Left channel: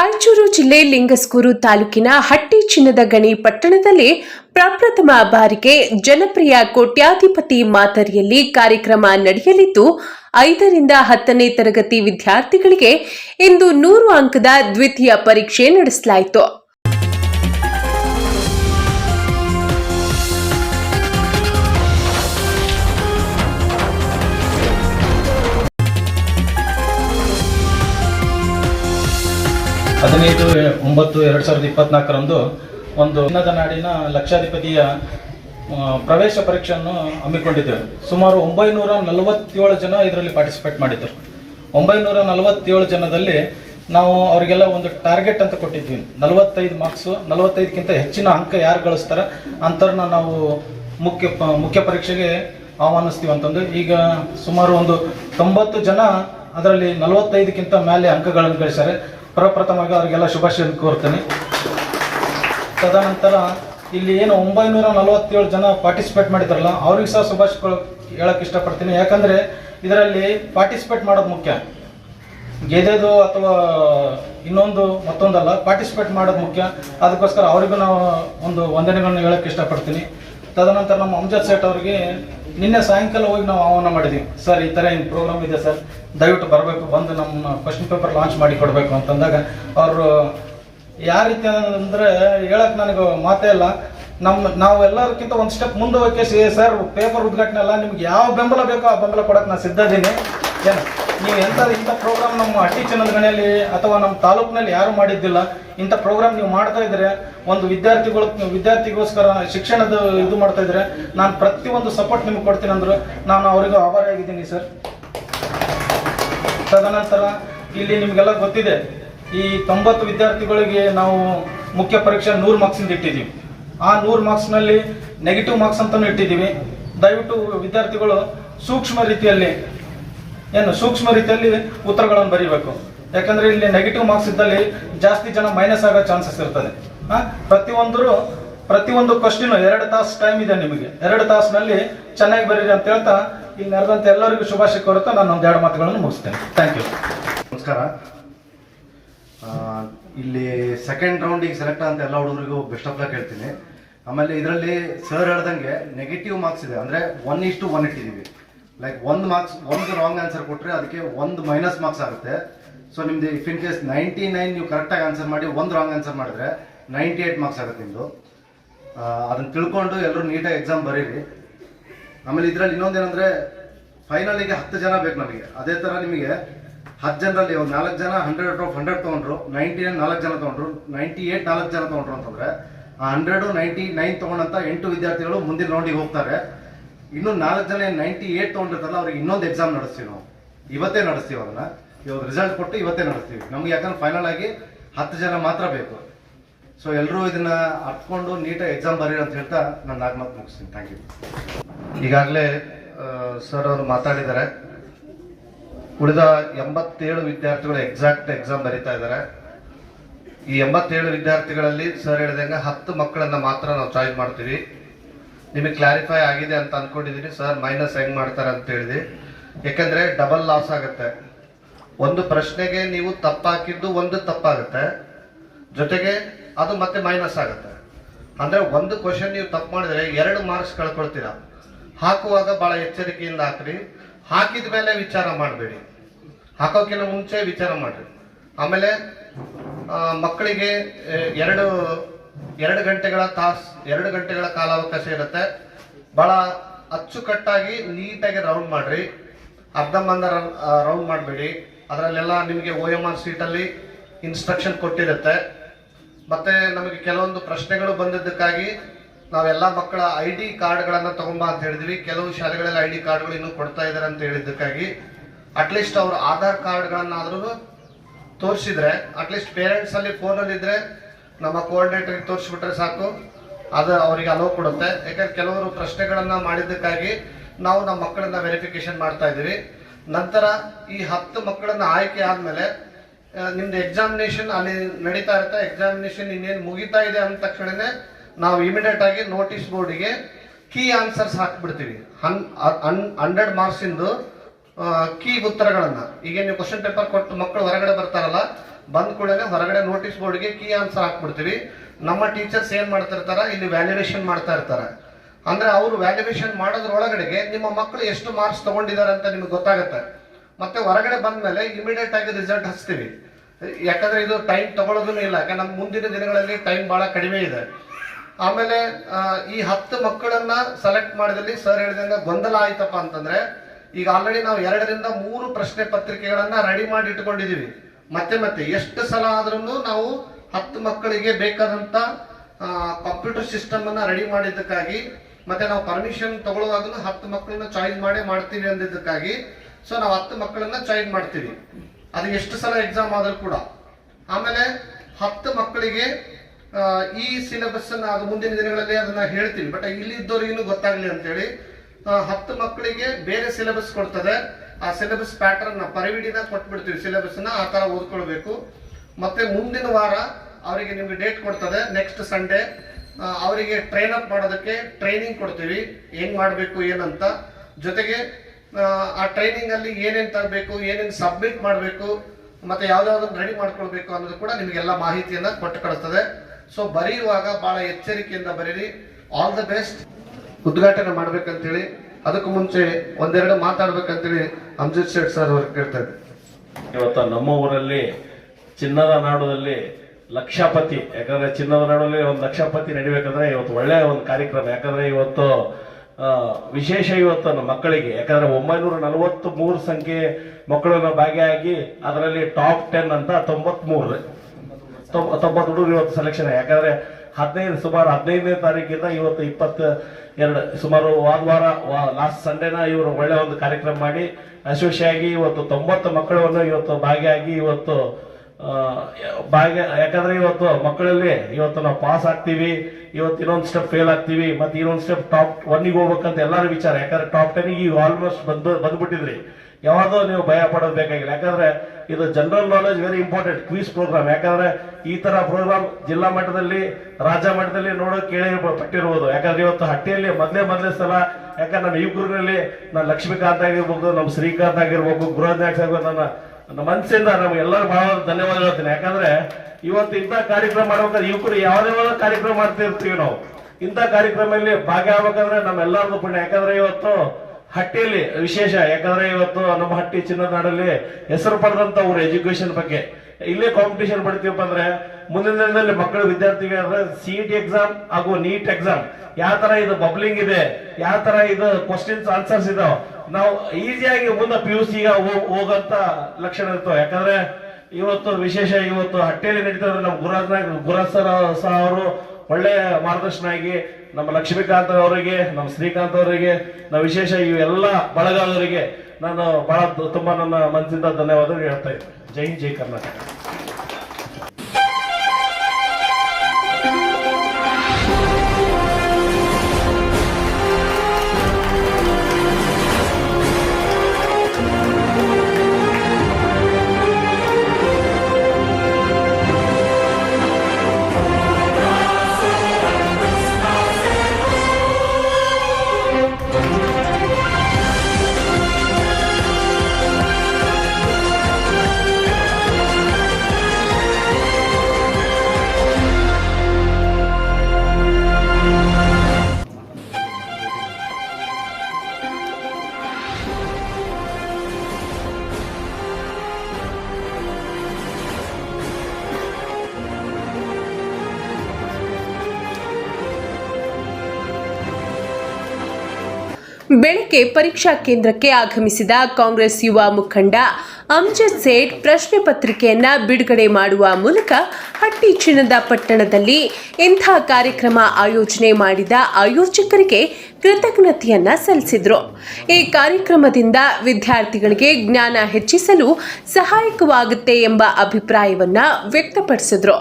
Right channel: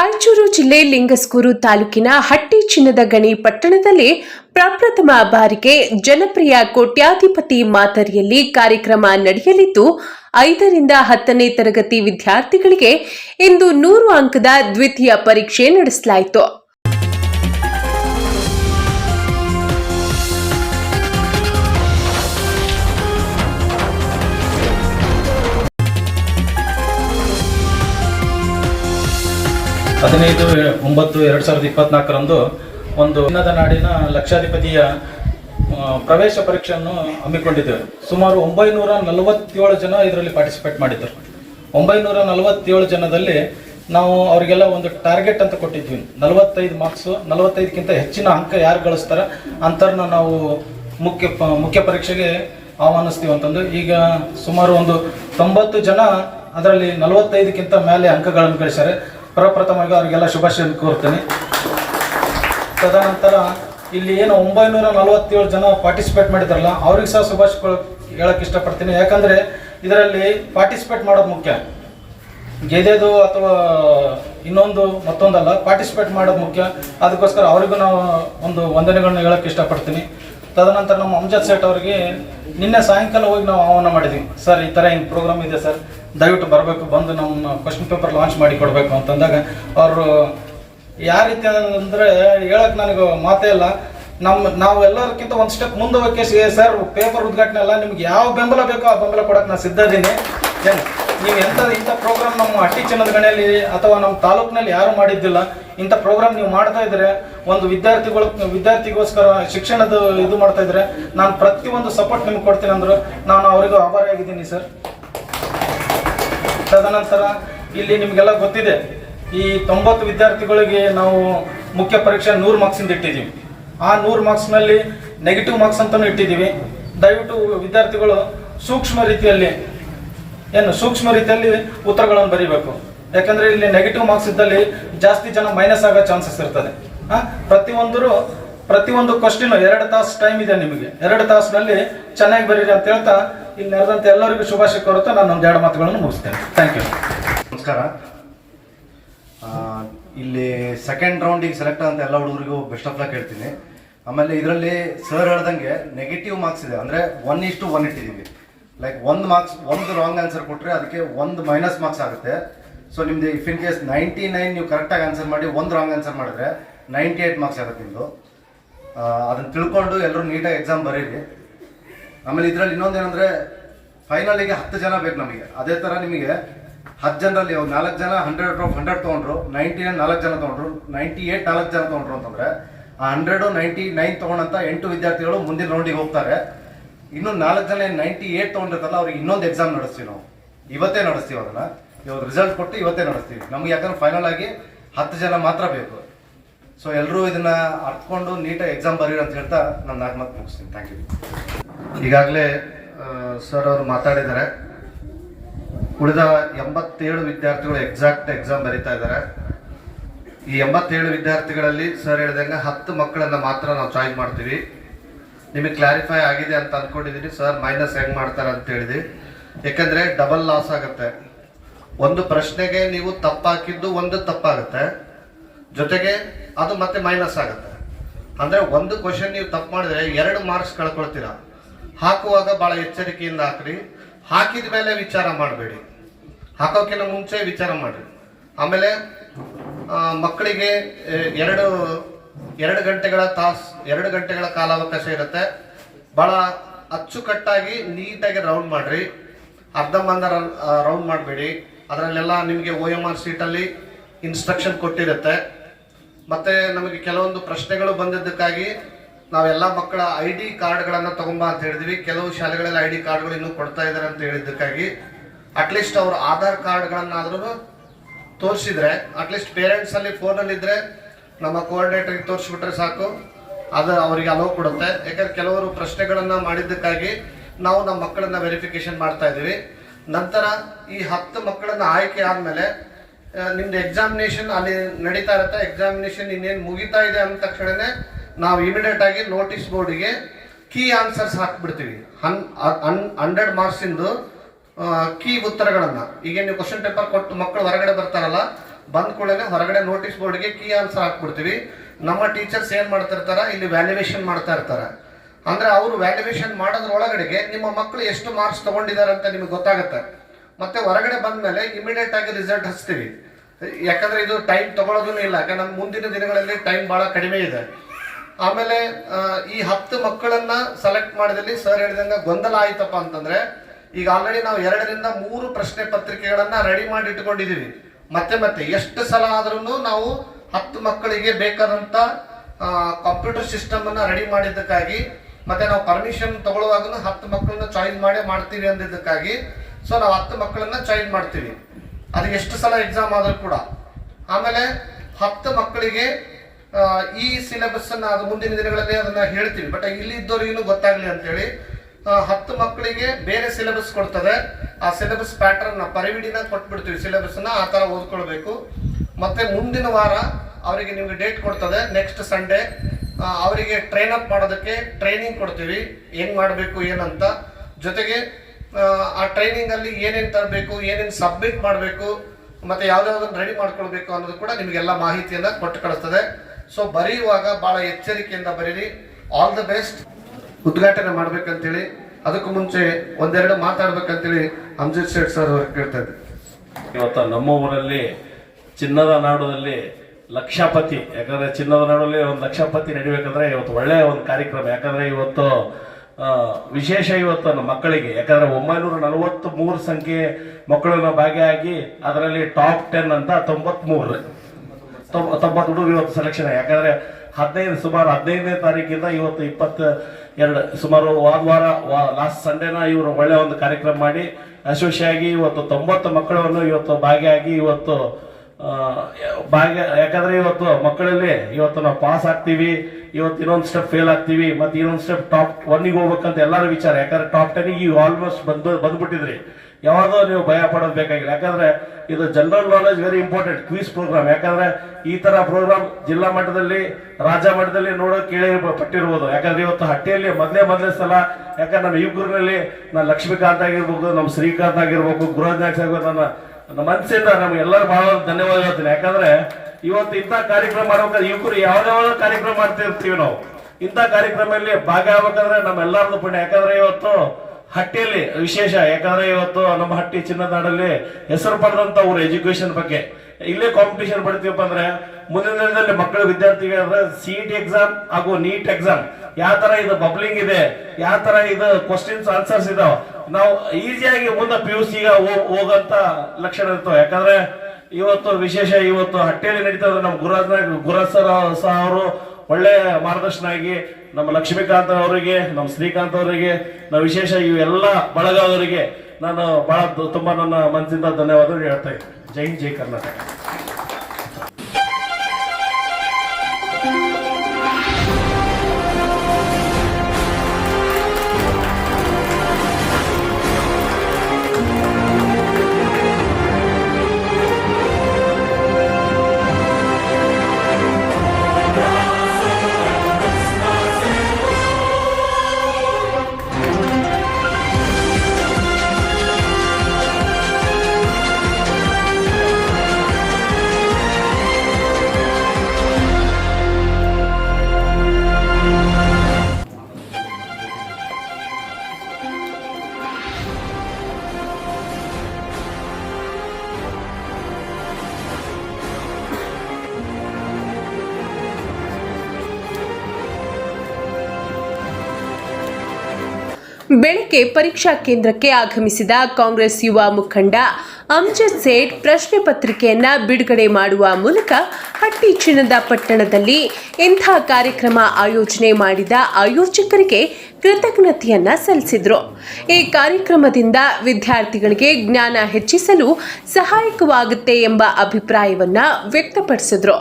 ರಾಯಚೂರು ಜಿಲ್ಲೆ ಲಿಂಗಸ್ಗೂರು ತಾಲೂಕಿನ ಹಟ್ಟಿ ಚಿನ್ನದ ಗಣಿ ಪಟ್ಟಣದಲ್ಲಿ ಪ್ರಪ್ರಥಮ ಬಾರಿಗೆ ಜನಪ್ರಿಯ ಕೋಟ್ಯಾಧಿಪತಿ ಮಾದರಿಯಲ್ಲಿ ಕಾರ್ಯಕ್ರಮ ನಡೆಯಲಿದ್ದು 5ರಿಂದ 10ನೇ ತರಗತಿ ವಿದ್ಯಾರ್ಥಿಗಳಿಗೆ ಇಂದು 100 ಅಂಕದ ದ್ವಿತೀಯ ಪರೀಕ್ಷೆ ನಡೆಸಲಾಯಿತು. ಹದಿನೈದು 9/2024 ಒಂದು ಚಿನ್ನದ ನಾಡಿನ ಲಕ್ಷಾಧಿಪತಿಯ ಪ್ರವೇಶ ಪರೀಕ್ಷೆಯನ್ನು ಹಮ್ಮಿಕೊಂಡಿದ್ದೇವೆ. ಸುಮಾರು 947 ಜನ ಇದರಲ್ಲಿ ಪಾರ್ಟಿಸಿಪೇಟ್ ಮಾಡಿದ್ದರು. 947 ಜನದಲ್ಲಿ ನಾವು ಅವರಿಗೆಲ್ಲ ಒಂದು ಟಾರ್ಗೆಟ್ ಅಂತ ಕೊಟ್ಟಿದ್ವಿ. 45 ಮಾರ್ಕ್ಸ್, 45ಕ್ಕಿಂತ ಹೆಚ್ಚಿನ ಅಂಕ ಯಾರು ಗಳಿಸ್ತಾರೆ ಅಂಥವ್ರನ್ನ ನಾವು ಮುಖ್ಯ ಪರೀಕ್ಷೆಗೆ ಆಹ್ವಾನಿಸ್ತೀವಿ ಅಂತಂದು. ಈಗ ಸುಮಾರು ಒಂದು 90 ಜನ ಅದರಲ್ಲಿ 45ಕ್ಕಿಂತ ಮೇಲೆ ಅಂಕಗಳನ್ನು ಗಳಿಸ್ತಾರೆ. ಪ್ರಪ್ರಥಮವಾಗಿ ಅವರಿಗೆಲ್ಲ ಶುಭಾಶಯ ಕೋರ್ತೇನೆ. ತದನಂತರ ಇಲ್ಲಿ ಏನು 947 ಜನ ಪಾರ್ಟಿಸಿಪೇಟ್ ಮಾಡಿದಾರಲ್ಲ ಅವ್ರಿಗೆ ಸಹ ಶುಭಾಶಯ ಹೇಳಕ್ಕೆ ಇಷ್ಟಪಡ್ತೀನಿ. ಯಾಕಂದರೆ ಇದರಲ್ಲಿ ಪಾರ್ಟಿಸಿಪೇಟ್ ಮಾಡೋದು ಮುಖ್ಯ, ಗೆದ್ದೆದು ಅಥವಾ ಮತ್ತೊಂದಲ್ಲ, ಪಾರ್ಟಿಸಿಪೇಟ್ ಮಾಡೋದು ಮುಖ್ಯ. ಅದಕ್ಕೋಸ್ಕರ ಅವರಿಗೂ ನಾವು ಒಂದು ವಂದನೆಗಳನ್ನ ಹೇಳಕ್ಕೆ ಇಷ್ಟಪಡ್ತೀನಿ. ತದನಂತರ ನಮ್ಮ ಅಮ್ಜದ್ ಸೇಠ್ ಅವರಿಗೆ ನಿನ್ನೆ ಸಾಯಂಕಾಲ ಹೋಗಿ ನಾವು ಆಹ್ವಾನ ಮಾಡಿದ್ವಿ. ಸರ್, ಈ ಥರ ಹಿಂಗೆ ಪ್ರೋಗ್ರಾಮ್ ಇದೆ ಸರ್, ದಯವಿಟ್ಟು ಬರಬೇಕು, ಬಂದು ನಮ್ಮ ಕ್ವಶನ್ ಪೇಪರ್ ಲಾಂಚ್ ಮಾಡಿ ಕೊಡಬೇಕು ಅಂತಂದಾಗ ಅವರು ಯಾವ ರೀತಿ ಅಂದರೆ ಹೇಳಕ್ಕೆ ನನಗೆ ಮಾತೇ ಇಲ್ಲ. ನಾವೆಲ್ಲರಿಗಿಂತ ಒಂದು ಸ್ಟೆಪ್ ಮುಂದೆ ಹೋಗಿ ಸರ್ ಪೇಪರ್ ಉದ್ಘಾಟನೆ ಅಲ್ಲ, ನಿಮ್ಗೆ ಯಾವ ಬೆಂಬಲ ಬೇಕೋ ಆ ಬೆಂಬಲ ಕೊಡಕ್ಕೆ ನಾನು ಸಿದ್ಧ ಇದ್ದೀನಿ. ನೀವು ಇಂಥ ಪ್ರೋಗ್ರಾಮ್ ನಮ್ಮ ಹಟ್ಟಿ ಚಿನ್ನದ ಗಣಿಯಲ್ಲಿ ಅಥವಾ ನಮ್ಮ ತಾಲೂಕಿನಲ್ಲಿ ಯಾರು ಮಾಡಿದ್ದಿಲ್ಲ. ಇಂಥ ಪ್ರೋಗ್ರಾಮ್ ನೀವು ಮಾಡ್ತಾ ಇದ್ರೆ, ಒಂದು ವಿದ್ಯಾರ್ಥಿಗೋಸ್ಕರ ಶಿಕ್ಷಣದ ಇದು ಮಾಡ್ತಾ ಇದ್ರೆ, ನಾನು ಪ್ರತಿಯೊಂದು ಸಪೋರ್ಟ್ ನಿಮ್ಗೆ ಕೊಡ್ತೀನಿ ಅಂದ್ರೆ ನಾನು ಅವರಿಗೂ ಆಭಾರಿಯಾಗಿದ್ದೀನಿ ಸರ್. ತದನಂತರ ಇಲ್ಲಿ ನಿಮಗೆಲ್ಲ ಗೊತ್ತಿದೆ, ಈ 90 ವಿದ್ಯಾರ್ಥಿಗಳಿಗೆ ನಾವು ಮುಖ್ಯ ಪರೀಕ್ಷೆ 100 ಮಾರ್ಕ್ಸಿಂದ ಇಟ್ಟಿದ್ದೀವಿ. ಆ 100 ಮಾರ್ಕ್ಸ್ನಲ್ಲಿ ನೆಗೆಟಿವ್ ಮಾರ್ಕ್ಸ್ ಅಂತಲೂ ಇಟ್ಟಿದ್ದೀವಿ. ದಯವಿಟ್ಟು ವಿದ್ಯಾರ್ಥಿಗಳು ಸೂಕ್ಷ್ಮ ರೀತಿಯಲ್ಲಿ ಉತ್ತರಗಳನ್ನು ಬರೀಬೇಕು. ಯಾಕಂದ್ರೆ ಇಲ್ಲಿ ನೆಗೆಟಿವ್ ಮಾರ್ಕ್ಸ್ ಇದ್ದಲ್ಲಿ ಜಾಸ್ತಿ ಜನ ಮೈನಸ್ ಆಗೋ ಚಾನ್ಸಸ್ ಇರ್ತದೆ. ಪ್ರತಿಯೊಂದು ಕ್ವಶ್ಚನ್ 2 ತಾಸು ಟೈಮ್ ಇದೆ ನಿಮಗೆ. 2 ತಾಸಿನಲ್ಲಿ ಚೆನ್ನಾಗಿ ಬರೀರಿ ಅಂತ ಹೇಳ್ತಾ ಇಲ್ಲಿ ನಡೆದಂತೆ ಎಲ್ಲರಿಗೂ ಶುಭಾಶಯ ಕೋರುತ್ತಾ ನಾನು ಒಂದು 2 ಮಾತುಗಳನ್ನು ಮುಗಿಸ್ತೇನೆ. Thank you. ನಮಸ್ಕಾರ. ಇಲ್ಲಿ ಸೆಕೆಂಡ್ ರೌಂಡಿಗೆ ಸೆಲೆಕ್ಟ್ ಅಂತ ಎಲ್ಲ ಹುಡುಗರಿಗೂ ಬೆಸ್ಟ್ ಆಫ್ ಲಕ್ ಹೇಳ್ತೀನಿ. ಆಮೇಲೆ ಇದರಲ್ಲಿ ಸರ್ ಹೇಳ್ದಂಗೆ ನೆಗೆಟಿವ್ ಮಾರ್ಕ್ಸ್ ಇದೆ, ಅಂದರೆ 1:1 ಇಟ್ಟಿದ್ದೀವಿ. ಲೈಕ್ 1 ರಾಂಗ್ ಆನ್ಸರ್ ಕೊಟ್ಟರೆ ಅದಕ್ಕೆ 1 ಮೈನಸ್ ಮಾರ್ಕ್ಸ್ ಆಗುತ್ತೆ. ಸೊ ನಿಮ್ದು ಇಫ್ ಇನ್ ಕೇಸ್ 99 ನೀವು ಕರೆಕ್ಟಾಗಿ ಆನ್ಸರ್ ಮಾಡಿ 1 ರಾಂಗ್ ಆನ್ಸರ್ ಮಾಡಿದ್ರೆ 98 ಮಾರ್ಕ್ಸ್ ಆಗುತ್ತೆ ನಿಮ್ಮದು. ಅದನ್ನು ತಿಳ್ಕೊಂಡು ಎಲ್ಲರೂ ನೀಟಾಗಿ ಎಕ್ಸಾಮ್ ಬರೀರಿ. ಆಮೇಲೆ ಇದರಲ್ಲಿ ಇನ್ನೊಂದೇನೆಂದರೆ ಫೈನಲಿಗೆ 10 ಜನ ಬೇಕು ನಮಗೆ. ಅದೇ ಥರ ನಿಮಗೆ 10 ಜನರಲ್ಲಿ ಒಂದು 4 ಜನ 100 ತೊಗೊಂಡ್ರು, 99 4 ಜನ ತೊಗೊಂಡ್ರು, 98 4 ಜನ ತೊಗೊಂಡ್ರು ಅಂತಂದರೆ ಆ 100 99 ತೊಗೊಂಡಂಥ 8 ವಿದ್ಯಾರ್ಥಿಗಳು ಮುಂದಿನ ರೌಂಡಿಗೆ ಹೋಗ್ತಾರೆ. ಇನ್ನು 4 ಜನ 98 ತೊಗೊಂಡಿರ್ತಲ್ಲ ಅವ್ರಿಗೆ ಇನ್ನೊಂದು ಎಕ್ಸಾಮ್ ನಡೆಸ್ತೀವಿ. ನಾವು ಇವತ್ತೇ ನಡೆಸ್ತೀವಿ, ಅದನ್ನು ಇವಾಗ ರಿಸಲ್ಟ್ ಕೊಟ್ಟು ಇವತ್ತೇ ನಡೆಸ್ತೀವಿ. ನಮ್ಗೆ ಯಾಕಂದ್ರೆ ಫೈನಲ್ ಆಗಿ 10 ಜನ ಮಾತ್ರ ಬೇಕು. ಸೊ ಎಲ್ಲರೂ ಇದನ್ನ ಅರ್ತ್ಕೊಂಡು ನೀಟಾಗಿ ಎಕ್ಸಾಮ್ ಬರೀರಿ ಅಂತ ಹೇಳ್ತಾ ನಾನು 4 ಮಾತು ಮುಗಿಸ್ತೀನಿ. Thank you. ಈಗಾಗಲೇ ಸರ್ ಅವರು ಮಾತಾಡಿದ್ದಾರೆ. ಉಳಿದ 87 ವಿದ್ಯಾರ್ಥಿಗಳು ಎಕ್ಸಾಕ್ಟ್ ಎಕ್ಸಾಮ್ ಬರೀತಾ ಇದ್ದಾರೆ. ಈ 87 ವಿದ್ಯಾರ್ಥಿಗಳಲ್ಲಿ ಸರ್ ಹೇಳಿದಂಗೆ 10 ಮಕ್ಕಳನ್ನ ಮಾತ್ರ ನಾವು ಚಾಯ್ಸ್ ಮಾಡ್ತೀವಿ. ನಿಮಗೆ ಕ್ಲಾರಿಫೈ ಆಗಿದೆ ಅಂತ ಅನ್ಕೊಂಡಿದ್ದೀನಿ. ಸರ್ ಮೈನಸ್ ಹೆಂಗ್ ಮಾಡ್ತಾರೆ ಅಂತ ಹೇಳಿದೆ. ಯಾಕಂದ್ರೆ ಡಬಲ್ ಲಾಸ್ ಆಗುತ್ತೆ. ಒಂದು ಪ್ರಶ್ನೆಗೆ ನೀವು ತಪ್ಪಾಕಿದ್ದು ಒಂದು ತಪ್ಪಾಗುತ್ತೆ, ಜೊತೆಗೆ ಅದು ಮತ್ತೆ ಮೈನಸ್ ಆಗುತ್ತೆ. ಅಂದ್ರೆ ಒಂದು ಕ್ವಶನ್ ನೀವು ತಪ್ಪು ಮಾಡಿದ್ರೆ 2 ಮಾರ್ಕ್ಸ್ ಕಳ್ಕೊಳ್ತೀರಾ. ಹಾಕುವಾಗ ಬಹಳ ಎಚ್ಚರಿಕೆಯಿಂದ ಹಾಕ್ರಿ. ಹಾಕಿದ ಮೇಲೆ ವಿಚಾರ ಮಾಡಬೇಡಿ, ಹಾಕೋಕ್ಕಿಂತ ಮುಂಚೆ ವಿಚಾರ ಮಾಡ್ರಿ. ಆಮೇಲೆ ಮಕ್ಕಳಿಗೆ 2 ಗಂಟೆಗಳ ಕಾಲಾವಕಾಶ ಇರುತ್ತೆ. ಬಹಳ ಅಚ್ಚುಕಟ್ಟಾಗಿ ನೀಟಾಗಿ ರೌಂಡ್ ಮಾಡ್ರಿ. ಅರ್ಧಂಬರ್ಧ ರೌಂಡ್ ಮಾಡಬೇಡಿ. ಅದರಲ್ಲೆಲ್ಲ ನಿಮಗೆ OMR ಶೀಟಲ್ಲಿ ಇನ್ಸ್ಟ್ರಕ್ಷನ್ ಕೊಟ್ಟಿರುತ್ತೆ. ಮತ್ತೆ ನಮಗೆ ಕೆಲವೊಂದು ಪ್ರಶ್ನೆಗಳು ಬಂದಿದ್ದಕ್ಕಾಗಿ ನಾವೆಲ್ಲ ಮಕ್ಕಳ ID ಕಾರ್ಡ್ಗಳನ್ನು ತಗೊಂಬ ಅಂತ ಹೇಳಿದ್ವಿ. ಕೆಲವು ಶಾಲೆಗಳಲ್ಲಿ ID ಕಾರ್ಡ್ಗಳು ಇನ್ನೂ ಕೊಡ್ತಾ ಇದ್ದಾರೆ ಅಂತ ಹೇಳಿದ್ದಕ್ಕಾಗಿ ಅಟ್ಲೀಸ್ಟ್ ಅವ್ರ ಆಧಾರ್ ಕಾರ್ಡ್ಗಳನ್ನಾದ್ರೂ ತೋರಿಸಿದ್ರೆ, ಅಟ್ಲೀಸ್ಟ್ ಪೇರೆಂಟ್ಸ್ ಅಲ್ಲಿ ಫೋನಲ್ಲಿ ಇದ್ರೆ ನಮ್ಮ ಕೋಆರ್ಡಿನೇಟರ್ಗೆ ತೋರಿಸ್ಬಿಟ್ರೆ ಸಾಕು, ಅದು ಅವರಿಗೆ ಅಲೋ ಕೊಡುತ್ತೆ. ಯಾಕಂದ್ರೆ ಕೆಲವರು ಪ್ರಶ್ನೆಗಳನ್ನ ಮಾಡಿದ್ದಕ್ಕಾಗಿ ನಾವು ನಮ್ಮ ಮಕ್ಕಳನ್ನ ವೆರಿಫಿಕೇಶನ್ ಮಾಡ್ತಾ ಇದ್ದೀವಿ. ನಂತರ ಈ 10 ಮಕ್ಕಳನ್ನ ಆಯ್ಕೆ ಆದ್ಮೇಲೆ ನಿಮ್ದು ಎಕ್ಸಾಮಿನೇಷನ್ ಅಲ್ಲಿ ನಡೀತಾ ಇರುತ್ತೆ. ಎಕ್ಸಾಮಿನೇಷನ್ ಇನ್ನೇನು ಮುಗಿತಾ ಇದೆ ಅಂದ ತಕ್ಷಣನೇ ನಾವು ಇಮಿಡಿಯೇಟ್ ಆಗಿ ನೋಟಿಸ್ ಬೋರ್ಡಿಗೆ ಕೀ ಆನ್ಸರ್ಸ್ ಹಾಕ್ಬಿಡ್ತೀವಿ. 100 ಮಾರ್ಕ್ಸ್ ಇಂದು ಕೀ ಉತ್ತರಗಳನ್ನ. ಈಗ ನೀವು ಕ್ವಶನ್ ಪೇಪರ್ ಕೊಟ್ಟು ಮಕ್ಕಳು ಹೊರಗಡೆ ಬರ್ತಾರಲ್ಲ, ಬಂದ ಕೂಡಲೇ ಹೊರಗಡೆ ನೋಟಿಸ್ ಬೋರ್ಡ್ಗೆ ಕೀ ಆನ್ಸರ್ ಹಾಕ್ಬಿಡ್ತೀವಿ. ನಮ್ಮ ಟೀಚರ್ಸ್ ಏನು ಮಾಡ್ತಿರ್ತಾರೆ, ಇಲ್ಲಿ ವ್ಯಾಲ್ಯುಯೇಷನ್ ಮಾಡ್ತಾ ಇರ್ತಾರೆ. ಅಂದರೆ ಅವರು ವ್ಯಾಲ್ಯುಯೇಷನ್ ಮಾಡೋದ್ರೊಳಗಡೆಗೆ ನಿಮ್ಮ ಮಕ್ಕಳು ಎಷ್ಟು ಮಾರ್ಕ್ಸ್ ತೊಗೊಂಡಿದ್ದಾರೆ ಅಂತ ನಿಮ್ಗೆ ಗೊತ್ತಾಗುತ್ತೆ. ಮತ್ತೆ ಹೊರಗಡೆ ಬಂದಮೇಲೆ ಇಮಿಡಿಯೇಟ್ ಆಗಿ ರಿಸಲ್ಟ್ ಹಚ್ತೀವಿ. ಯಾಕಂದರೆ ಇದು ಟೈಮ್ ತಗೊಳ್ಳೋದೂ ಇಲ್ಲ, ಯಾಕಂದ್ರೆ ನಮ್ಮ ಮುಂದಿನ ದಿನಗಳಲ್ಲಿ ಟೈಮ್ ಭಾಳ ಕಡಿಮೆ ಇದೆ. ಆಮೇಲೆ ಈ 10 ಮಕ್ಕಳನ್ನ ಸೆಲೆಕ್ಟ್ ಮಾಡಿದಲ್ಲಿ ಸರ್ ಹೇಳಿದಂಗೆ ಗೊಂದಲ ಆಯ್ತಪ್ಪ ಅಂತಂದ್ರೆ, ಈಗ ಆಲ್ರೆಡಿ ನಾವು 2 ರಿಂದ 3 ಪ್ರಶ್ನೆ ಪತ್ರಿಕೆಗಳನ್ನ ರೆಡಿ ಮಾಡಿ ಇಟ್ಕೊಂಡಿದ್ದೀವಿ. ಮತ್ತೆ ಎಷ್ಟು ಸಲ ಆದ್ರೂ ನಾವು 10 ಮಕ್ಕಳಿಗೆ ಬೇಕಾದಂತ ಕಂಪ್ಯೂಟರ್ ಸಿಸ್ಟಮ್ ಅನ್ನ ರೆಡಿ ಮಾಡಿದ್ದಕ್ಕಾಗಿ, ಮತ್ತೆ ನಾವು ಪರ್ಮಿಷನ್ ತಗೊಳ್ಳುವಾಗ 10 ಮಕ್ಕಳನ್ನ ಚಾಯ್ಸ್ ಮಾಡ್ತೀವಿ ಅಂದಿದ್ದಕ್ಕಾಗಿ ಸೊ ನಾವು 10 ಮಕ್ಕಳನ್ನ ಚಾಯ್ಸ್ ಮಾಡ್ತೀವಿ, ಅದು ಎಷ್ಟು ಸಲ ಎಕ್ಸಾಮ್ ಆದ್ರೂ ಕೂಡ. ಆಮೇಲೆ 10 ಮಕ್ಕಳಿಗೆ ಈ ಸಿಲೆಬಸ್ ಅನ್ನ ಅದು ಮುಂದಿನ ದಿನಗಳಲ್ಲಿ ಅದನ್ನ ಹೇಳ್ತೀವಿ, ಬಟ್ ಇಲ್ಲಿ ಇದ್ದವ್ರಿಗೂ ಗೊತ್ತಾಗ್ಲಿ ಅಂತೇಳಿ 10 ಮಕ್ಕಳಿಗೆ ಬೇರೆ ಸಿಲೆಬಸ್ ಕೊಡ್ತದೆ. ಆ ಸಿಲೆಬಸ್ ಪ್ಯಾಟರ್ನ್ ಪರಿವಿಡಿನ ಕೊಟ್ಬಿಡ್ತೀವಿ, ಸಿಲೆಬಸ್ ನ ಆ ತರ ಓದ್ಕೊಳ್ಬೇಕು. ಮತ್ತೆ ಮುಂದಿನ ವಾರ ಅವರಿಗೆ ನಿಮ್ಗೆ ಡೇಟ್ ಕೊಡ್ತದೆ, ನೆಕ್ಸ್ಟ್ ಸಂಡೇ ಅವರಿಗೆ ಟ್ರೈನ್ ಅಪ್ ಮಾಡೋದಕ್ಕೆ ಟ್ರೈನಿಂಗ್ ಕೊಡ್ತೀವಿ, ಹೆಂಗ್ ಮಾಡಬೇಕು ಏನಂತ. ಜೊತೆಗೆ ಆ ಟ್ರೈನಿಂಗ್ ಅಲ್ಲಿ ಏನೇನು ತರಬೇಕು, ಏನೇನು ಸಬ್ಮಿಟ್ ಮಾಡಬೇಕು, ಮತ್ತೆ ಯಾವ್ದಾವ್ದನ್ನ ರೆಡಿ ಮಾಡ್ಕೊಳ್ಬೇಕು ಅನ್ನೋದು ಕೂಡ ನಿಮಗೆಲ್ಲ ಮಾಹಿತಿಯನ್ನ ಕೊಟ್ಟು ಕಳಿಸ್ತದೆ. ಸೊ ಬರೆಯುವಾಗ ಬಹಳ ಎಚ್ಚರಿಕೆಯಿಂದ ಬರೀರಿ. All the best. ಉದ್ಘಾಟನೆ ಮಾಡ್ಬೇಕಂತೇಳಿ, ಅದಕ್ಕೂ ಮುಂಚೆ ಒಂದೆರಡು ಮಾತಾಡ್ಬೇಕಂತೇಳಿ ಅಮ್ಜದ್ ಶೇಖ್ ಸರ್ ಅವ್ರಿಗೆ ಕೇಳ್ತಾ ಇದ್ದೆ. ಇವತ್ತು ನಮ್ಮ ಊರಲ್ಲಿ ಚಿನ್ನದ ನಾಡಲ್ಲಿ ಲಕ್ಷಪತಿ, ಯಾಕಂದ್ರೆ ಚಿನ್ನದ ನಾಡಲ್ಲಿ ಒಂದು ಲಕ್ಷಪತಿ ನಡಿಬೇಕಂದ್ರೆ ಇವತ್ತು ಒಳ್ಳೆಯ ಒಂದು ಕಾರ್ಯಕ್ರಮ. ಯಾಕಂದ್ರೆ ಇವತ್ತು ವಿಶೇಷ ಇವತ್ತು ನಮ್ಮ ಮಕ್ಕಳಿಗೆ, ಯಾಕಂದ್ರೆ 943 ಸಂಖ್ಯೆ ಮಕ್ಕಳನ್ನ ಭಾಗಿಯಾಗಿ ಅದರಲ್ಲಿ ಟಾಪ್ 10 ಅಂತ 90 ಹುಡುಗರು ಇವತ್ತು ಸೆಲೆಕ್ಷನ್. ಯಾಕಂದ್ರೆ ಸುಮಾರು 15ನೇ ತಾರೀಕಿಂದ ಇವತ್ತು 22 ಸುಮಾರು ವಾರ ಲಾಸ್ಟ್ ಸಂಡೇನ ಇವರು ಒಳ್ಳೆ ಒಂದು ಕಾರ್ಯಕ್ರಮ ಮಾಡಿ ಯಶಸ್ವಿಯಾಗಿ ಇವತ್ತು 90 ಮಕ್ಕಳನ್ನು ಇವತ್ತು ಭಾಗಿಯಾಗಿ ಇವತ್ತು ಯಾಕಂದ್ರೆ ಇವತ್ತು ಮಕ್ಕಳಲ್ಲಿ ಇವತ್ತು ನಾವು ಪಾಸ್ ಆಗ್ತೀವಿ, ಇವತ್ತು ಇನ್ನೊಂದು ಸ್ಟೆಪ್ ಫೇಲ್ ಆಗ್ತೀವಿ, ಮತ್ತೆ ಇನ್ನೊಂದು ಸ್ಟೆಪ್ ಟಾಪ್ 1ಗೆ ಹೋಗ್ಬೇಕಂತ ಎಲ್ಲರೂ ವಿಚಾರ. ಯಾಕಂದ್ರೆ ಟಾಪ್ 10ಗೆ ಆಲ್ಮೋಸ್ಟ್ ಬಂದ್ಬಿಟ್ಟಿದ್ರಿ. ಯಾವಾಗೋ ನೀವು ಭಯ ಪಡೋದು ಬೇಕಾಗಿಲ್ಲ, ಯಾಕಂದ್ರೆ ಇದು general knowledge very important quiz programme. ಯಾಕಂದ್ರೆ ಈ ತರ ಪ್ರೋಗ್ರಾಮ್ ಜಿಲ್ಲಾ ಮಟ್ಟದಲ್ಲಿ ರಾಜ್ಯ ಮಟ್ಟದಲ್ಲಿ ನೋಡೋಕೆ ಪಟ್ಟಿರ್ಬೋದು. ಯಾಕಂದ್ರೆ ಇವತ್ತು ಹಟ್ಟಿಯಲ್ಲಿ ಮೊದಲೇ ಸಲ, ಯಾಕಂದ್ರೆ ನಮ್ಮ ಯುವಕರಲ್ಲಿ ನಾನು ಲಕ್ಷ್ಮೀಕಾಂತ್ ಆಗಿರ್ಬೇಕು, ನಮ್ಮ ಶ್ರೀಕಾಂತ್ ಆಗಿರ್ಬೇಕು, ಗೃಹನಾಯಕ್ ಆಗಿರ್ಬೇಕು, ನನ್ನ ಮನಸ್ಸಿಂದ ನಮ್ಗೆ ಎಲ್ಲರೂ ಬಹಳ ಧನ್ಯವಾದ ಹೇಳ್ತೀನಿ. ಯಾಕಂದ್ರೆ ಇವತ್ತು ಇಂಥ ಕಾರ್ಯಕ್ರಮ ಮಾಡ್ಬೇಕಾದ್ರೆ ಯುವಕರು ಯಾವ್ದಾವ ಕಾರ್ಯಕ್ರಮ ಮಾಡ್ತಿರ್ತೀವಿ ನಾವು, ಇಂಥ ಕಾರ್ಯಕ್ರಮದಲ್ಲಿ ಭಾಗಿಯಾಗಬೇಕಂದ್ರೆ ನಮ್ಮೆಲ್ಲರದು ಪುಣ್ಯ. ಯಾಕಂದ್ರೆ ಇವತ್ತು ಹಟ್ಟಿಯಲ್ಲಿ ವಿಶೇಷ, ಯಾಕಂದ್ರೆ ಇವತ್ತು ನಮ್ಮ ಹಟ್ಟಿ ಚಿನ್ನದ ನಾಡಲ್ಲಿ ಹೆಸರು ಪಡೆದಂತ ಅವ್ರ ಎಜುಕೇಶನ್ ಬಗ್ಗೆ ಇಲ್ಲೇ ಕಾಂಪಿಟೇಷನ್ ಪಡ್ತೀವಪ್ಪ ಅಂದ್ರೆ ಮುಂದಿನ ದಿನದಲ್ಲಿ ಮಕ್ಕಳ ವಿದ್ಯಾರ್ಥಿಗಳ CET ಎಕ್ಸಾಮ್ ಹಾಗೂ ನೀಟ್ ಎಕ್ಸಾಮ್ ಯಾವ ತರ ಇದು ಬಬ್ಲಿಂಗ್ ಇದೆ, ಯಾವ ತರ ಇದು ಕ್ವಶನ್ಸ್ ಆನ್ಸರ್ಸ್ ಇದಾವ, ನಾವು ಈಸಿಯಾಗಿ ಮುಂದೆ PUC ಹೋಗಂತ ಲಕ್ಷಣ ಇರ್ತವೆ. ಯಾಕಂದ್ರೆ ಇವತ್ತು ವಿಶೇಷ ಇವತ್ತು ಹಟ್ಟಿಯಲ್ಲಿ ನಡೀತದೆ. ನಮ್ಮ ಗುರುರಾಜ್ ಸರ್ ಅವರು ಒಳ್ಳೆ ಮಾರ್ಗದರ್ಶನ ಆಗಿ, ನಮ್ಮ ಲಕ್ಷ್ಮೀಕಾಂತ್ ಅವರಿಗೆ, ನಮ್ಮ ಶ್ರೀಕಾಂತ್ ಅವರಿಗೆ, ನಾವು ವಿಶೇಷ ಇವೆಲ್ಲ ಬಳಗವರಿಗೆ ನಾನು ಬಹಳ ತುಂಬಾ ನನ್ನ ಮನಸ್ಸಿಂದ ಧನ್ಯವಾದ ಹೇಳ್ತಾ ಇದ್ದೀನಿ. ಜೈ ಹಿಂದ್, ಜೈ ಕರ್ನಾಟಕ. ಬೆಳಗ್ಗೆ ಪರೀಕ್ಷಾ ಕೇಂದ್ರಕ್ಕೆ ಆಗಮಿಸಿದ ಕಾಂಗ್ರೆಸ್ ಯುವ ಮುಖಂಡ ಅಮ್ಜದ್ ಸೇಠ್ ಪ್ರಶ್ನೆ ಪತ್ರಿಕೆಯನ್ನ ಬಿಡುಗಡೆ ಮಾಡುವ ಮೂಲಕ ಹಟ್ಟಿ ಚಿನ್ನದ ಪಟ್ಟಣದಲ್ಲಿ ಇಂಥ ಕಾರ್ಯಕ್ರಮ ಆಯೋಜನೆ ಮಾಡಿದ ಆಯೋಜಕರಿಗೆ ಕೃತಜ್ಞತೆಯನ್ನ ಸಲ್ಲಿಸಿದರು. ಈ ಕಾರ್ಯಕ್ರಮದಿಂದ ವಿದ್ಯಾರ್ಥಿಗಳಿಗೆ ಜ್ಞಾನ ಹೆಚ್ಚಿಸಲು ಸಹಾಯಕವಾಗುತ್ತೆ ಎಂಬ ಅಭಿಪ್ರಾಯವನ್ನ ವ್ಯಕ್ತಪಡಿಸಿದರು.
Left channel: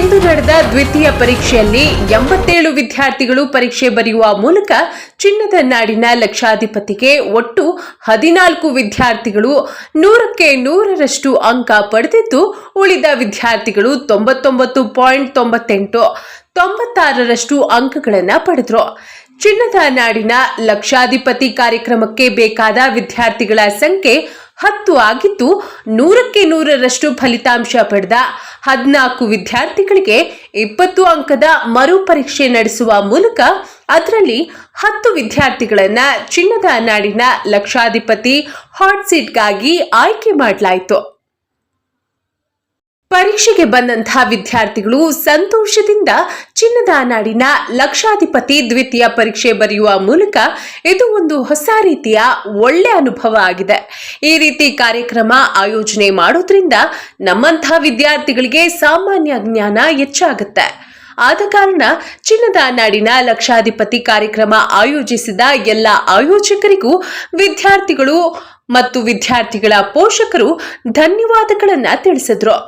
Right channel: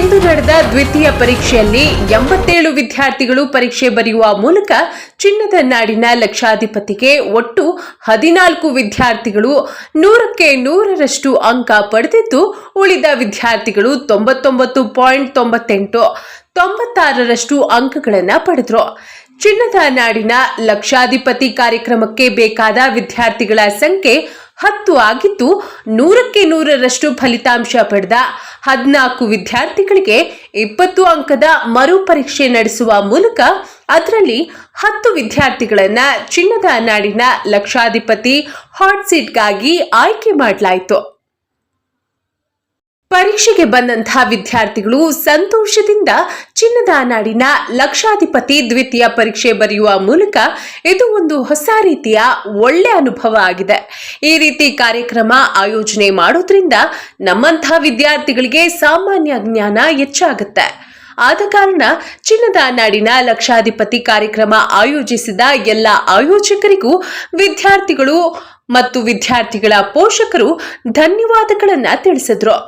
ಇಂದು ನಡೆದ ದ್ವಿತೀಯ ಪರೀಕ್ಷೆಯಲ್ಲಿ 87 ವಿದ್ಯಾರ್ಥಿಗಳು ಪರೀಕ್ಷೆ ಬರೆಯುವ ಮೂಲಕ ಚಿನ್ನದ ನಾಡಿನ ಲಕ್ಷಾಧಿಪತಿಗೆ ಒಟ್ಟು 14 ವಿದ್ಯಾರ್ಥಿಗಳು 100ಕ್ಕೆ 100ರಷ್ಟು ಅಂಕ ಪಡೆದಿದ್ದು, ಉಳಿದ ವಿದ್ಯಾರ್ಥಿಗಳು 99.98 96ರಷ್ಟು ಅಂಕಗಳನ್ನು ಪಡೆದರು. ಚಿನ್ನದ ನಾಡಿನ ಲಕ್ಷಾಧಿಪತಿ ಕಾರ್ಯಕ್ರಮಕ್ಕೆ ಬೇಕಾದ ವಿದ್ಯಾರ್ಥಿಗಳ ಸಂಖ್ಯೆ 10 ಆಗಿದ್ದು, 100ಕ್ಕೆ 100ರಷ್ಟು ಫಲಿತಾಂಶ ಪಡೆದ 14 ವಿದ್ಯಾರ್ಥಿಗಳಿಗೆ 20 ಅಂಕದ ಮರು ಪರೀಕ್ಷೆ ನಡೆಸುವ ಮೂಲಕ ಅದರಲ್ಲಿ 10 ವಿದ್ಯಾರ್ಥಿಗಳನ್ನು ಚಿನ್ನದ ನಾಡಿನ ಲಕ್ಷಾಧಿಪತಿ ಹಾಟ್ ಸೀಟ್ಗಾಗಿ ಆಯ್ಕೆ ಮಾಡಲಾಯಿತು. ಪರೀಕ್ಷೆಗೆ ಬಂದಂತಹ ವಿದ್ಯಾರ್ಥಿಗಳು ಸಂತೋಷದಿಂದ ಚಿನ್ನದ ನಾಡಿನ ಲಕ್ಷಾಧಿಪತಿ ದ್ವಿತೀಯ ಪರೀಕ್ಷೆ ಬರೆಯುವ ಮೂಲಕ ಇದು ಒಂದು ಹೊಸ ರೀತಿಯ ಒಳ್ಳೆ ಅನುಭವ ಆಗಿದೆ. ಈ ರೀತಿ ಕಾರ್ಯಕ್ರಮ ಆಯೋಜನೆ ಮಾಡೋದ್ರಿಂದ ನಮ್ಮಂತಹ ವಿದ್ಯಾರ್ಥಿಗಳಿಗೆ ಸಾಮಾನ್ಯ ಜ್ಞಾನ ಹೆಚ್ಚಾಗುತ್ತೆ. ಆದ ಕಾರಣ ಚಿನ್ನದ ನಾಡಿನ ಲಕ್ಷಾಧಿಪತಿ ಕಾರ್ಯಕ್ರಮ ಆಯೋಜಿಸಿದ ಎಲ್ಲ ಆಯೋಜಕರಿಗೂ ವಿದ್ಯಾರ್ಥಿಗಳು ಮತ್ತು ವಿದ್ಯಾರ್ಥಿಗಳ ಪೋಷಕರು ಧನ್ಯವಾದಗಳನ್ನು ತಿಳಿಸಿದರು.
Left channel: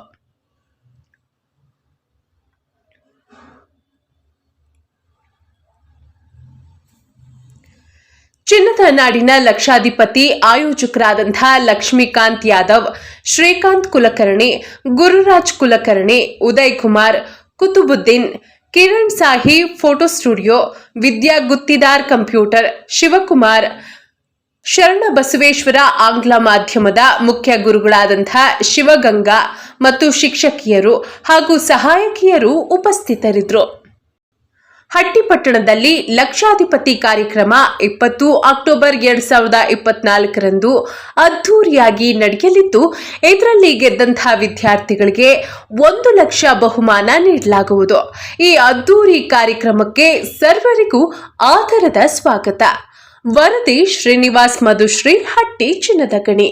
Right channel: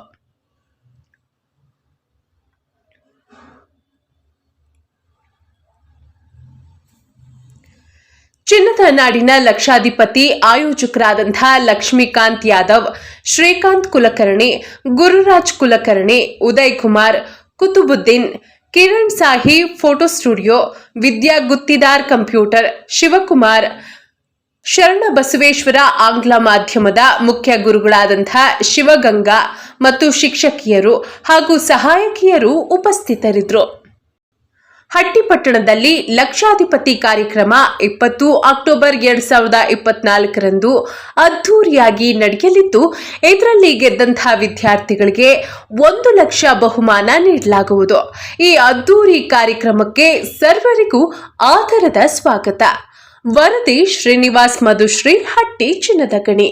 ಚಿನ್ನದ ನಾಡಿನ ಲಕ್ಷಾಧಿಪತಿ ಆಯೋಜಕರಾದಂತಹ ಲಕ್ಷ್ಮೀಕಾಂತ್ ಯಾದವ್, ಶ್ರೀಕಾಂತ್ ಕುಲಕರ್ಣಿ, ಗುರುರಾಜ್ ಕುಲಕರ್ಣಿ, ಉದಯ್ ಕುಮಾರ್, ಕುತುಬುದ್ದೀನ್, ಕಿರಣ್ ಸಾಹಿ ಫೋಟೋ ಸ್ಟುಡಿಯೋ, ವಿದ್ಯಾ ಗುತ್ತಿದಾರ್ ಕಂಪ್ಯೂಟರ್, ಶಿವಕುಮಾರ್, ಶರಣ ಬಸವೇಶ್ವರ ಆಂಗ್ಲ ಮಾಧ್ಯಮದ ಮುಖ್ಯ ಗುರುಗಳಾದಂತಹ ಶಿವಗಂಗಾ ಮತ್ತು ಶಿಕ್ಷಕಿಯರು ಹಾಗೂ ಸಹಾಯಕಿಯರು ಉಪಸ್ಥಿತರಿದ್ದರು. ಹಟ್ಟಿಪಟ್ಟಣದಲ್ಲಿ ಲಕ್ಷಾಧಿಪತಿ ಕಾರ್ಯಕ್ರಮ 20 ಅಕ್ಟೋಬರ್ 2024ರಂದು ಅದ್ದೂರಿಯಾಗಿ ನಡೆಯಲಿದ್ದು, ಇದರಲ್ಲಿ ಗೆದ್ದಂತಹ ವಿದ್ಯಾರ್ಥಿಗಳಿಗೆ 1 ಲಕ್ಷ ಬಹುಮಾನ ನೀಡಲಾಗುವುದು. ಈ ಅದ್ದೂರಿ ಕಾರ್ಯಕ್ರಮಕ್ಕೆ ಸರ್ವರಿಗೂ ಆದರದ ಸ್ವಾಗತ. ವರದಿ ಶ್ರೀನಿವಾಸ್ ಮಧುಶ್ರೀ, ಹಟ್ಟಿ ಚಿನ್ನದ ಗಣಿ.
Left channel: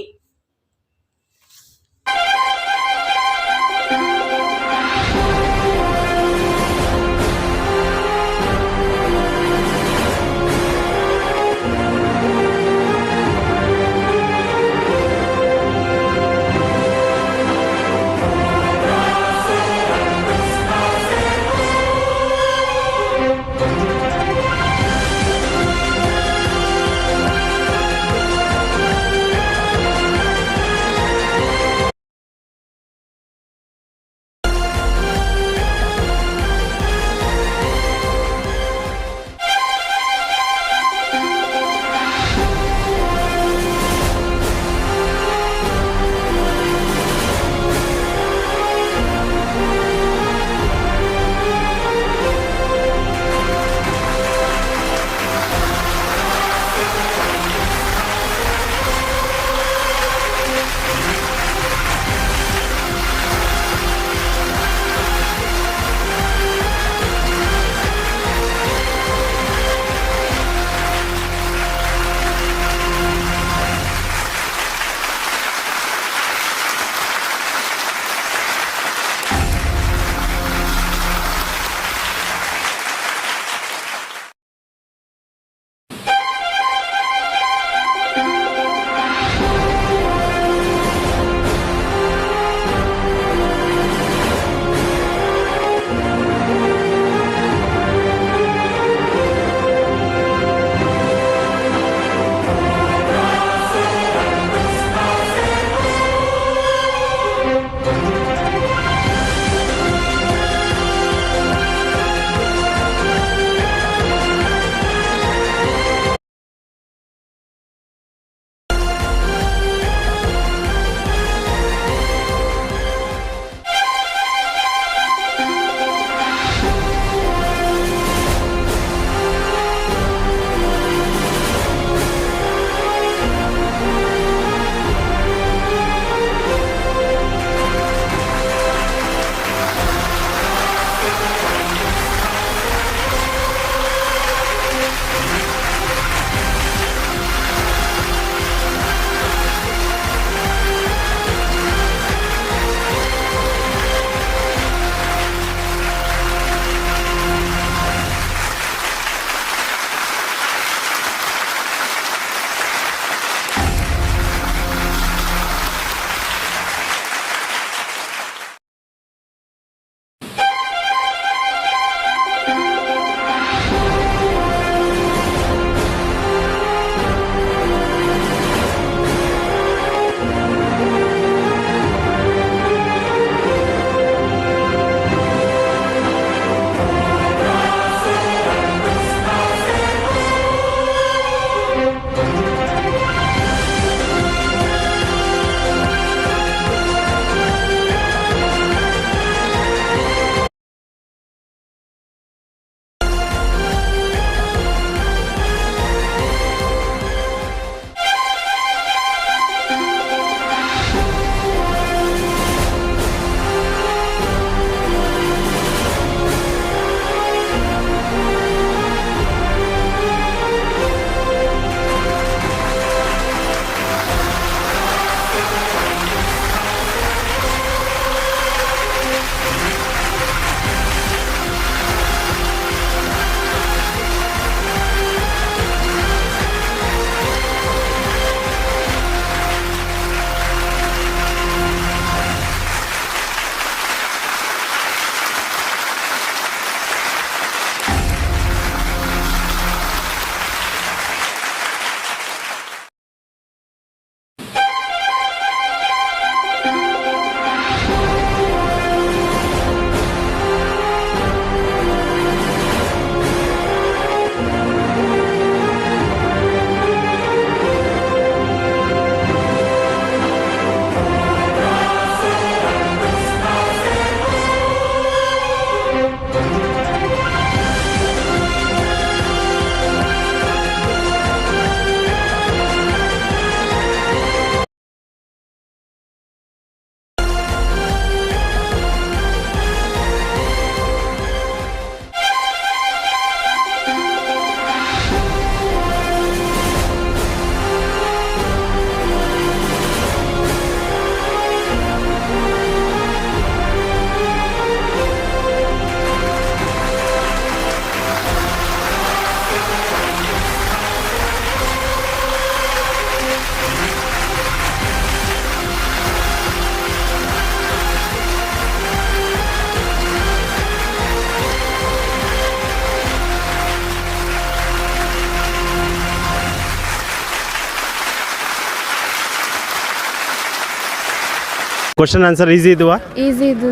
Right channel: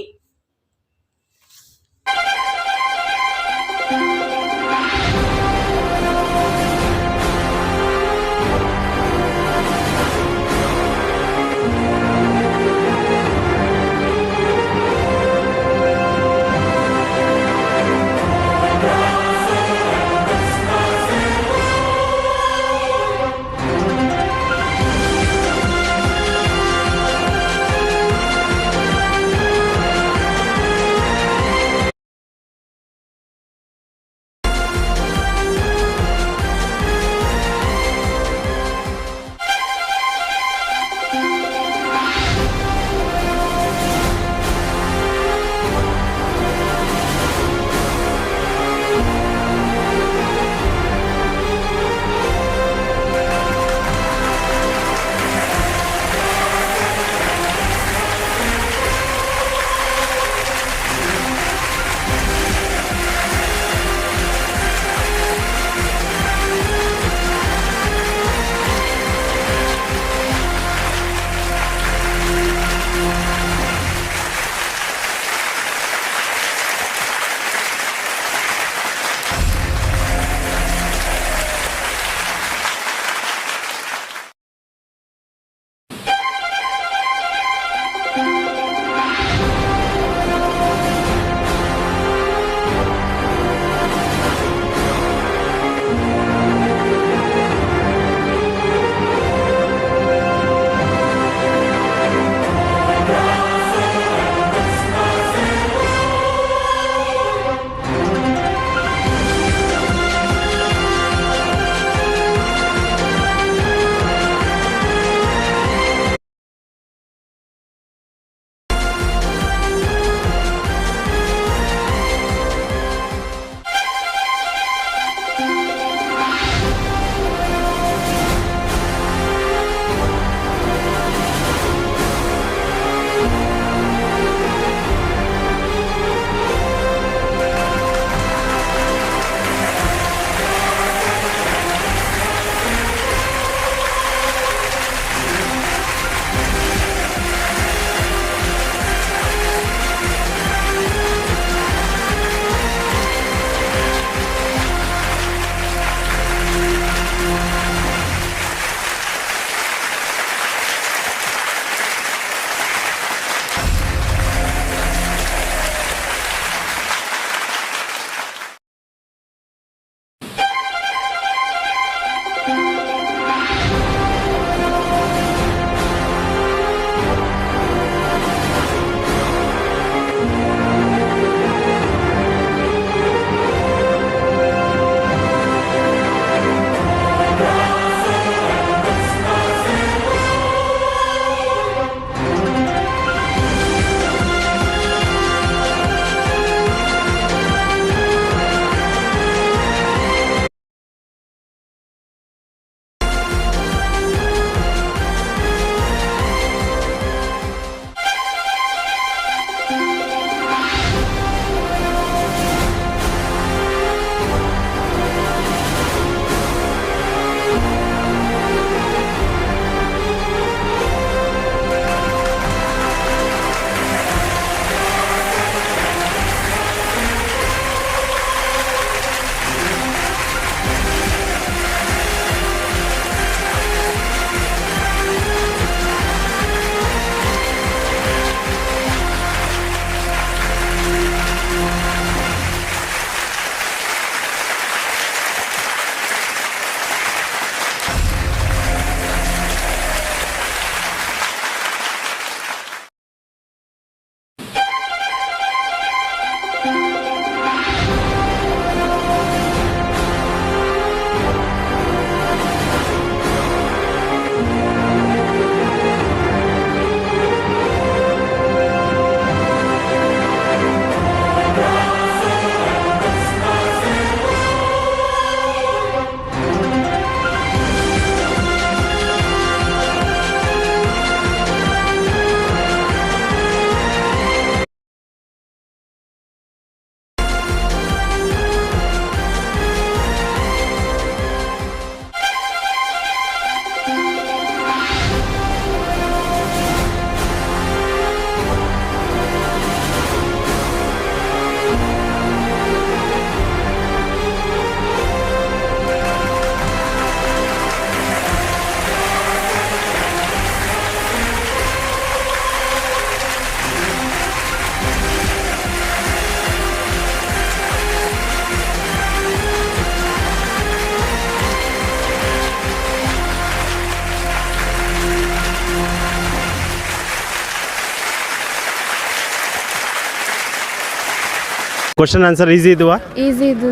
ಕ್ವಶನ್ ಆನ್ಸರ್ ಈಸಿ ಇದ್ವಾ? ಈಸಿ ಇದು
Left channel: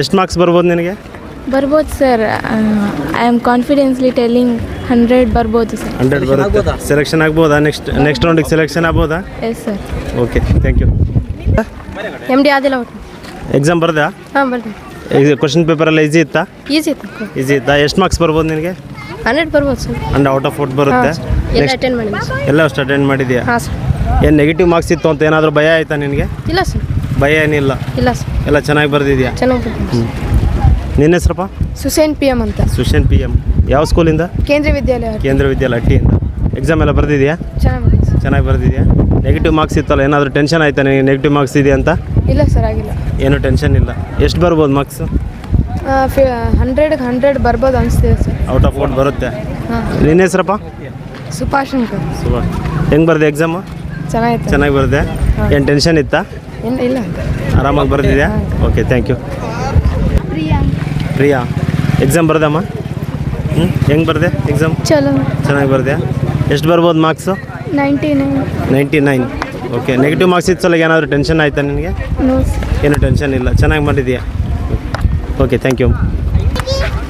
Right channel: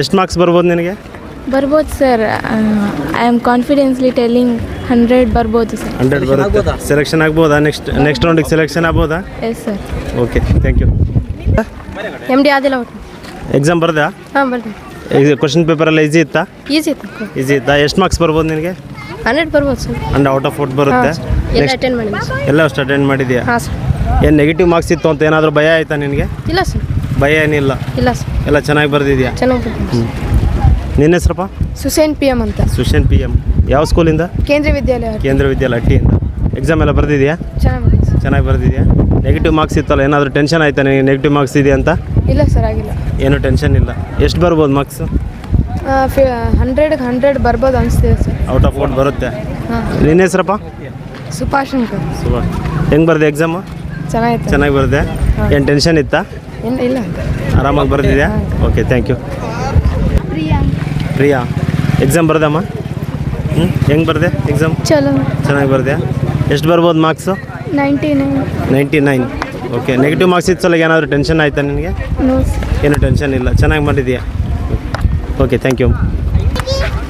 ಎಷ್ಟು ಮಾರ್ಕ್ಸ್ ಬರ್ಬೋದು ನಿನಗೆ? ಬರ್ಬೋದು sir. I am confidently telling 100 ಬರ್ಬೋದು ಸರ್. 100 ಬರುತ್ತೆ. ಸೆಲೆಕ್ಷನ್ ಆಗ್ಬೋದಾ? ನೆಕ್ಸ್ಟ್ ರೌಂಡಿಗೆ ಸೆಲೆಕ್ಷನ್ ಆಗ್ಬೋದಾ? Yes sir. Okay, thank you. MD ಆದಿಲ್ಲ ಒಟ್ಟು. ಎಕ್ಸಾಮ್ ಬರ್ದಾ? ಹಾಂ ಬರ್ತೀನಿ. ಕ್ವಶನ್ ಪೇಪರೆಲ್ಲ ಈಸಿ ಇತ್ತಾ? ಈಸಿ ಇತ್ತು. ಈಸಿ ಇತ್ತಾ? ಎಷ್ಟು ಮಾರ್ಕ್ಸ್ ಬರ್ಬೋದು ನಿನಗೆ? 100 ಬರ್ಬೋದು ಸರ್. ಅಂಡ್ ಔಟ್ ಆಫ್ 40 ಬರುತ್ತೆ. ಎಲ್ಲ ಅಟೆಂಡ್ ಮಾಡಿದ್ದೀನಿ ಸರ್. ಎಲ್ಲ ಅಷ್ಟು ಅಟೆಂಡ್ ಮಾಡಿದ್ಯಾ? ಹಾಂ ಸರ್. ಏನು ನೆಗೆಟಿವ್ ಮಾರ್ಕ್ಸ್ ಇತ್ತು ಅಂತ ಏನಾದರೂ ಭಯ ಆಯಿತಾ ನಿನಗೆ? ಇಲ್ಲ ಸರ್. ಭಯ ಏನಿಲ್ಲ, ಇಲ್ಲ ಸರ್. ಎಲ್ಲ ಚೆನ್ನಾಗಿ ಬರ್ದಿದ್ಯಾ? ಚೆನ್ನಾಗಿ ಬರ್ತೀನಿ. ನಿನ್ನ ಹೆಸರಪ್ಪ? ಸುಸೇನ್ PM ಅಂತ. ಸುಶೇನ್ PM. ಯಾವ ಸ್ಕೂಲಿಂದ? ಕೇಂದ್ರೀಯ ವಿದ್ಯಾಲಯ. ಕೇಂದ್ರ ವಿದ್ಯಾಲಯ ಹಟ್ಟಿಯಿಂದ. ಎಕ್ಸಾಮ್ ಎಲ್ಲ ಬರ್ದಿದ್ಯಾ? ಚೆನ್ನಾಗಿ ಬರ್ದಿದ್ಯಾ? ನೆಗೆಟಿವ್ ಮಾರ್ಕ್ಸ್ ಇತ್ತಲ್ಲ, ಏನಾದರೂ ಟೆನ್ಷನ್ ಆಯ್ತಾ ನಿನಗೆ ನೆಗೆಟಿವ್ ಮಾರ್ಕ್ಸ್ ಇದೆ ಅಂತ? ಇಲ್ಲ ಸರ್, ಆಗಿಲ್ಲ. ಏನೂ ಟೆನ್ಷನ್ ಇಲ್ಲ. ಎಷ್ಟು ಬರ್ಬೋದು ಮಾರ್ಕ್ಸು? 100ಗೆ 100 ಬರ್ಬೋದು ಅನಿಸ್ತಿದೆ ಸರ್. ಔಟ್ ಆಫ್ 40 ಬರುತ್ತೆ. ಹಾಂ. ನಿನ್ನ ಹೆಸರಪ್ಪ? ಸುಭಾಷ್ ಅಂತ. ಸುಭಾಷ್. ಹೆಂಗೆ ಬರ್ದೆ ಎಕ್ಸಾಮು? ಚೆನ್ನಾಗಿತ್ತು. ಚೆನ್ನಾಗಿ ಬರ್ದೆ. ಏನು ಟೆನ್ಷನ್ ಇತ್ತಾ? ಇಲ್ಲ. ಆರಾಮಾಗಿ ಬರ್ದಿದ್ಯಾ? Okay, thank you. Priya, exam ಬರ್ದಮ್ಮ? ಹೆಂಗೆ ಬರ್ದೆ ಎಕ್ಸಾಮ್? ಚಲೋ. ಚೆನ್ನಾಗಿ ಬರ್ದೆ. ಎಷ್ಟು ಬರ್ಬೋದು ಮಾರ್ಕ್ಸು? 99. ಓಕೆ, ನೆಗೆಟಿವ್ ಮಾರ್ಕ್ಸ್ ಇತ್ತು ಸಲ ಏನಾದರೂ ಟೆನ್ಷನ್ ಆಯಿತಾ ನಿನಗೆ? ಏನು ಟೆನ್ಷನ್ ಇಲ್ಲ, ಚೆನ್ನಾಗಿ ಮಾಡಿದ್ಯಾ? Okay, thank you.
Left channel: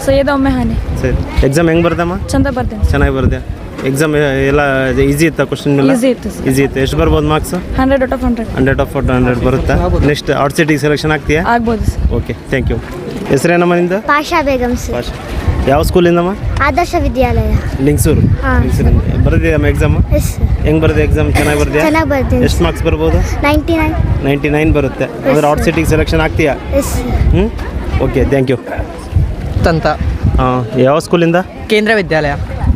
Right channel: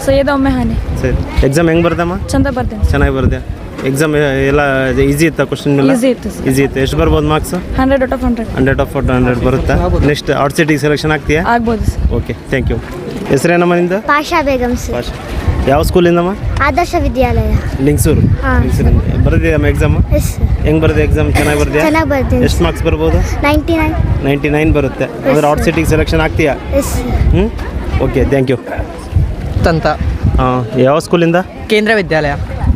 ಸೈಯದ್ ಒಮ್ಮೆ ಹಾನಿ. ಸರಿ, ಎಕ್ಸಾಮ್ ಹೆಂಗೆ ಬರ್ದಮ್ಮ? ಚಂದ ಬರ್ತೀನಿ. ಚೆನ್ನಾಗಿ ಬರ್ದೆ. ಎಕ್ಸಾಮ್ ಎಲ್ಲ ಈಸಿ ಇತ್ತಾ? ಕ್ವಶನ್ ಎಲ್ಲ ಈಸಿ ಇತ್ತು ಸರ್. ಈಸಿ ಇತ್ತು. ಎಷ್ಟು ಬರ್ಬೋದು ಮಾರ್ಕ್ಸು? 100 out of 100. 100 ಆಫ್ 100 ಬರುತ್ತಾ? ನೆಕ್ಸ್ಟ್ ಔಟ್ ಸೈಟಿಗೆ ಸೆಲೆಕ್ಷನ್ ಆಗ್ತೀಯಾ? ಆಗ್ಬೋದು ಸರ್. Okay, thank you. ಹೆಸರೇನಮ್ಮ ನಿಂದು? ಪಾಷಾ ಬೇಗಂ ಸರ್. ಭಾಷೆ. ಯಾವ ಸ್ಕೂಲಿಂದಮ್ಮ? ಆದರ್ಶ ವಿದ್ಯಾಲಯ. ಲಿಂಗ್ಸೂರು. ಹಾಂ. ಲಿಂಗ್ಸೂರಿಂದ ಬರ್ದಿದ್ದಮ್ಮ ಎಕ್ಸಾಮು? Yes sir. ಹೆಂಗೆ ಬರ್ದೆ ಎಕ್ಸಾಮ್? ಚೆನ್ನಾಗಿ ಬರ್ದ್ಯಾ? ಚೆನ್ನಾಗಿ ಬರ್ತೀನಿ. ಎಷ್ಟು ಮಾರ್ಕ್ಸ್ ಬರ್ಬೋದು? 99. 99 ಬರುತ್ತೆ. ಅಂದರೆ ಔಟ್ ಸೈಟಿಗೆ ಸೆಲೆಕ್ಷನ್ ಆಗ್ತೀಯಾ? Yes sir. ಹ್ಞೂ, ಓಕೆ, ಥ್ಯಾಂಕ್ ಯು. ಅಂತ ಹಾಂ, ಯಾವ ಸ್ಕೂಲಿಂದ? ಕೇಂದ್ರ ವಿದ್ಯಾಲಯ.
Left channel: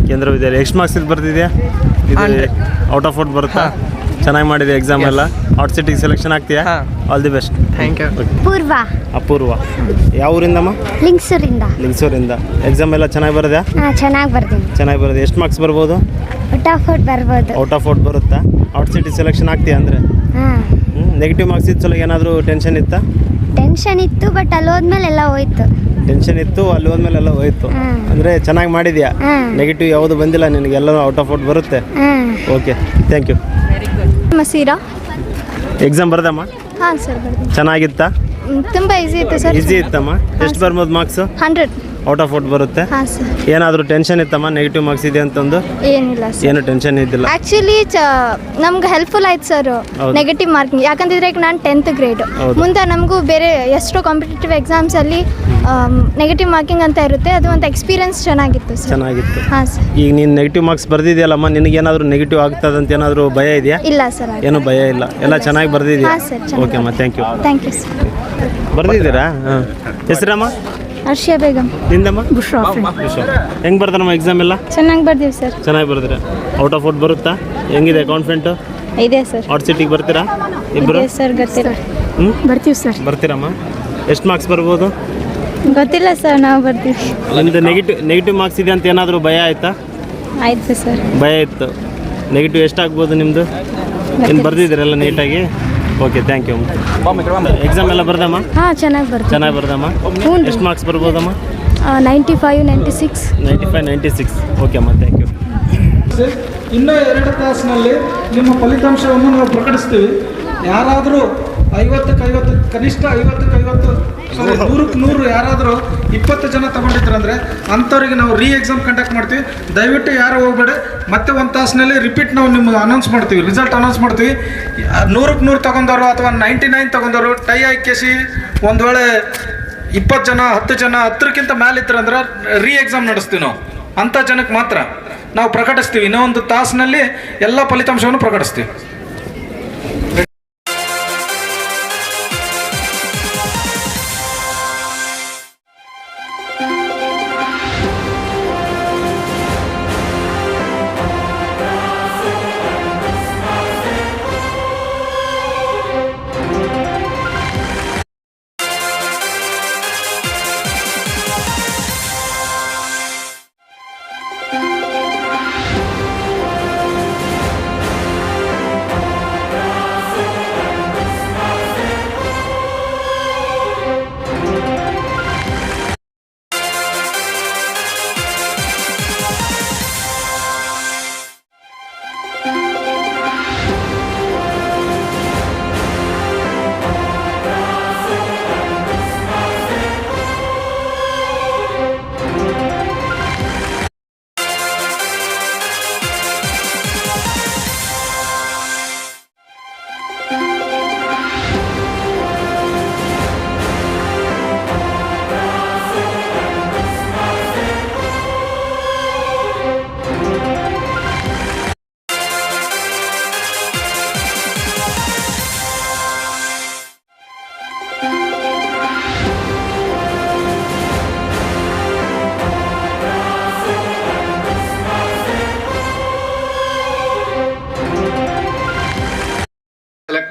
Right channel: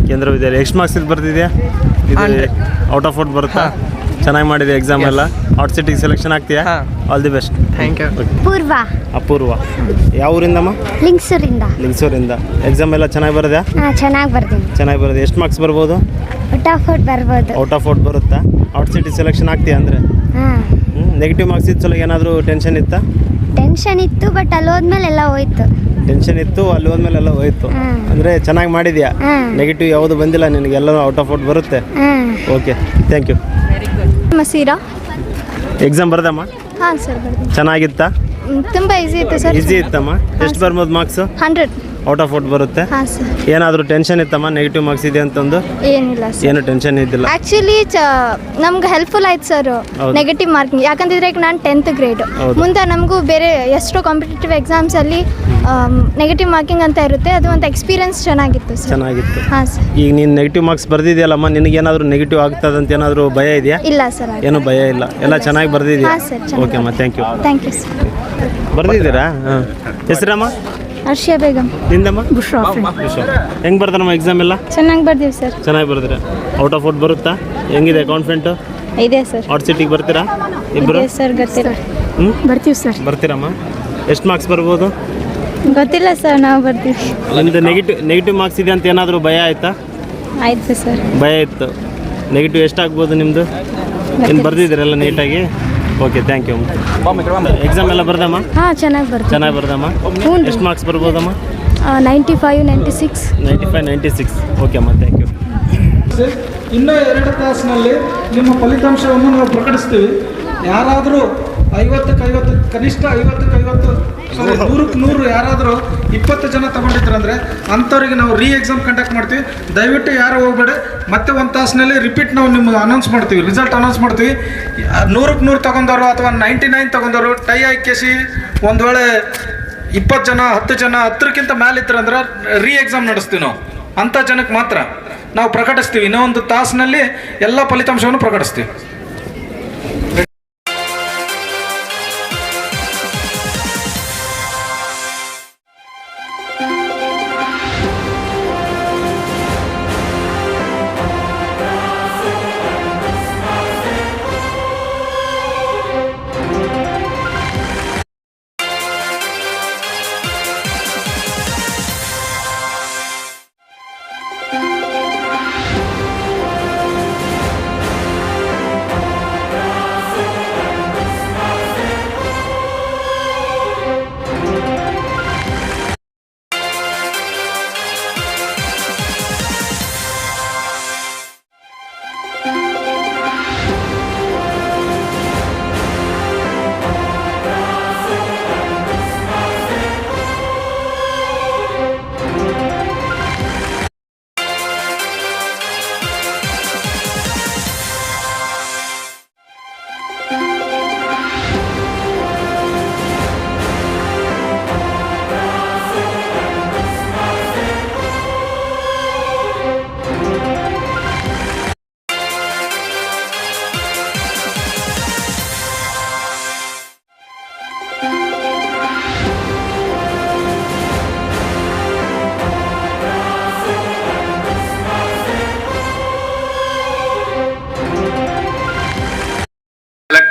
ಕೇಂದ್ರ ವಿದ್ಯಾಲಯ. ಎಷ್ಟು ಮಾರ್ಕ್ಸ್ ಇದು ಬರ್ತಿದ್ಯಾ? ಇದು 100. ಔಟ್ ಆಫ್ 40 ಬರುತ್ತಾ? ಚೆನ್ನಾಗಿ ಮಾಡಿದೆ ಎಕ್ಸಾಮ್ ಎಲ್ಲ. ಔಟ್ ಸೈಟಿಗೆ ಸೆಲೆಕ್ಷನ್ ಆಗ್ತೀಯಾ? ಹಾಂ. All the best. Thank you. Poorva. Apoorva. ಯಾವ ಊರಿಂದಮ್ಮ? ಲಿಂಗ್ಸೂರಿಂದ. ಲಿಂಗ್ಸೂರಿಂದ. ಎಕ್ಸಾಮ್ ಎಲ್ಲ ಚೆನ್ನಾಗಿ ಬರೋದಾ? ಹಾಂ, ಚೆನ್ನಾಗಿ ಬರ್ತೀನಿ. ಚೆನ್ನಾಗಿ ಬರೋದು. ಎಷ್ಟು ಮಾರ್ಕ್ಸ್ ಬರ್ಬೋದು? ಔಟ್ ಆಫ್ 40 ಬರ್ಬೋದು. ಔಟ್ ಆಫ್ 40 ಬರುತ್ತಾ? ಔಟ್ ಸೈಟಿಗೆ ಸೆಲೆಕ್ಷನ್ ಆಗ್ತೀಯಾ ಅಂದರೆ? ಹಾಂ. ನೆಗೆಟಿವ್ ಮಾರ್ಕ್ಸ್ ಇತ್ತು ಸಲ ಏನಾದರೂ ಟೆನ್ಷನ್ ಇತ್ತಾ? ಟೆನ್ಷನ್ ಇತ್ತು, ಬಟ್ ಅಲ್ಲಿ ಹೋದ್ಮೇಲೆ ಎಲ್ಲ ಹೋಯ್ತು. ಟೆನ್ಷನ್ ಇತ್ತು, ಅಲ್ಲಿ ಹೋದ್ಮೇಲೆ ಎಲ್ಲ ಹೋಯ್ತು. ಹಾಂ. ಅಂದರೆ ಚೆನ್ನಾಗಿ ಮಾಡಿದ್ಯಾ? ಹಾಂ. ನೆಗೆಟಿವ್ ಯಾವುದು ಬಂದಿಲ್ಲ ನಿನಗೆ, ಎಲ್ಲರೂ ಔಟ್ ಆಫ್ 40 ಬರುತ್ತೆ. ಹಾಂ. Okay, thank you. Maseera. Exam ಬರ್ದಮ್ಮ? ಹಾಂ ಸರ್, ಬರ್ತೀನಿ. ಚೆನ್ನಾಗಿತ್ತಾ? ತುಂಬ ಈಸಿ ಇತ್ತು ಸರ್. ಈಸಿ ಇತ್ತಮ್ಮ? ಎಷ್ಟು ಬರ್ಬೋದು ಮಾರ್ಕ್ಸು? 100. ಔಟ್ ಆಫ್ 40 ಬರುತ್ತೆ. ಹಾಂ ಸರ್. ಏನಾದರೂ ಟೆನ್ಷನ್ ಇತ್ತಮ್ಮ ನೆಗೆಟಿವ್ ಮಾರ್ಕ್ಸ್ ಇದೆ ಅಂತಂದು? ಏನಿಲ್ಲ ಸರ್. ಏನು ಟೆನ್ಷನ್ ಇದ್ದಿಲ್ಲ. ಆ್ಯಕ್ಚುಲಿ ನಮ್ಗೆ ಹೆಲ್ಪ್ಫುಲ್ ಆಯ್ತು ಸರ್ ಹೌದು. Negative marking. ಯಾಕಂತಿದ್ರೆ ಈಗ ನಾನು 10th ಗ್ರೇಡ್. ಹೌದು. ಮುಂದೆ ನಮಗೂ ಬೇರೆ ಎಷ್ಟೋ ಕಾಂಪಿಟೇಟಿವ್ ಎಕ್ಸಾಮ್ಸಲ್ಲಿ ನೆಗೆಟಿವ್ ಮಾರ್ಕಿಂಗ್ ಅಂತ ಇರುತ್ತೆ. ಅದು ಒಂದು ಎಕ್ಸ್ಪೀರಿಯನ್ಸ್ ಚೆನ್ನಾಗಿತ್ತು ಸರ್. ಚೆನ್ನಾಗಿತ್ತು. ಹಾಂ ಸರ್. ಈಗ ನೀನು ನೆಗೆಟಿವ್ ಮಾರ್ಕ್ಸ್ ಬರ್ದಿದೆಯಲ್ಲಮ್ಮ, ನಿನಗೇನಾದರೂ ನೆಗೆಟಿವ್ ಆಗ್ತದಂತ ಏನಾದರೂ ಭಯ ಇದೆಯಾ? ಇಲ್ಲ ಸರ್. ಏನೂ ಭಯ ಇಲ್ಲ, ಎಲ್ಲ ಚೆನ್ನಾಗಿ ಬರ್ದಿದ್ಯಾ? ಹಾಂ ಸರ್, ಚೆನ್ನಾಗಿ ಓಕೆ ಅಮ್ಮ, thank you. Thank you sir. ಬರ್ದಿದ್ದೀರಾ? ಹಾಂ. ಹೆಸರಮ್ಮ? ಹರ್ಷಿಯಾ ಬೇಗಂ. ನಿಂದಮ್ಮ? ಬುಷ್ರಾ. ಹೆಂಗೆ ಬರ್ತಾರಮ್ಮ ಎಕ್ಸಾಮ್ ಎಲ್ಲ? ಚೆನ್ನಾಗಿ ಬರ್ದೀವಿ ಸರ್. ಚೆನ್ನಾಗಿ ಬರ್ದಿರ. ಔಟ್ ಆಫ್ 40 ಬರುತ್ತಾ? ಹೆಂಗಿದೆ ಕಾನ್ಫಿಡೆಂಟು? ಇದೆ ಸರ್. ಔಟ್ ಸೀಟಿಗೆ ಬರ್ತೀರಾ ಇಬ್ಬರು? ಇದೆ ಸರ್, ಗೊತ್ತಿಲ್ಲ. ಹ್ಞೂ, ಬರ್ತೀವಿ ಸರ್. ಬರ್ತೀರಮ್ಮ? ಎಷ್ಟು ಮಾರ್ಕ್ಸ್ ಬರ್ಬೋದು? ಗೊತ್ತಿಲ್ಲ ಸರ್, ನಾವು ಬರ್ತೀವಿ. ನಿಮ್ಮದು ನೆಗೆಟಿವ್ ಮಾರ್ಕ್ಸ್ ಇದೆ ಅಂತ ಏನಾದರೂ ಭಯ ಆಯಿತಾ? ಆಯ್ತು ಸರ್. ಭಯ ಇತ್ತು. ನೆಗೆಟಿವ್ ಎಷ್ಟಾಗ್ಬೋದು ನಿಮ್ಮದು? ಏನು ಬರ್ದಿದ್ದೀರಲ್ಲ ನೀಟಾಗಿ? Okay, thank you. ಎಕ್ಸಾಮ್ ಎಲ್ಲ ಬರ್ದಮ್ಮ? ಹಾಂ, ಚೆನ್ನಾಗಿ ಬರ್ತೀವಿ. ಚೆನ್ನಾಗಿ ಬರ್ದಮ್ಮ? ಹ್ಞೂ. ಎಷ್ಟು ಮಾರ್ಕ್ಸ್ ಬರ್ಬೋದಮ್ಮ? 95, 96. 95, 96. ಓಕೆ ಅಮ್ಮ, ಥ್ಯಾಂಕ್ ಯು. ಇನ್ನೂ 2 ತಾಸಿನಲ್ಲಿ ನಿಮ್ಮ ಫಲಿತಾಂಶವನ್ನು ನಾವು ಪ್ರಕಟಿಸ್ತೀವಿ. ಯಾರಾದರೂ 50ಕ್ಕೆ 50, ಕನಿಷ್ಠ 50ಕ್ಕೆ 50, 100ಕ್ಕೆ 100 ಯಾರಾದರೂ 20 ಜನ ತಗೊಂಡಿದ್ರಂದರೆ ಅಂಥವ್ರಿಗೆ ನಾವು ಎಕ್ಸಾಮ್ ಕಂಡಕ್ಟ್ ಮಾಡ್ತೀವಿ. ದಯವಿಟ್ಟು ಯಾರು ಹೋಗ್ಬೇಡಿ. ಮತ್ತೆ 1 ತಾಸಿನಲ್ಲಿ ರಿಪೀಟ್ ನಾವು ನಿಮ್ಗೆ ಅನೌನ್ಸ್ ಮಾಡ್ತೀವಿ, ರಿಸಲ್ಟ್ ಅನೌನ್ಸ್ ಮಾಡ್ತೀವಿ. 100ಕ್ಕೆ 100 ತಗೊಂಡವರು ಅಥವಾ 99 ತಗೊಂಡವರು ಟೈ ಹಾಕಿಸಿ ಒಂದು ವೇಳೆ 20 ಜನ 10 ಜನ 10ಕ್ಕಿಂತ ಮೇಲೆ ಇತ್ತರಂದ್ರೆ ಎಕ್ಸಾಮ್ ನಡೆಸ್ತೀವಿ ನಾವು. ಅಂಥ ಜನಕ್ಕೆ ಮಾತ್ರ ನಾವು ಪ್ರಕಟಿಸ್ತೀವಿ. ಇನ್ನೂ 1 ತಾಸಿನಲ್ಲಿ ಎಲ್ಲ ಫಲಿತಾಂಶವನ್ನು ಪ್ರಕಟಿಸ್ತೀವಿ.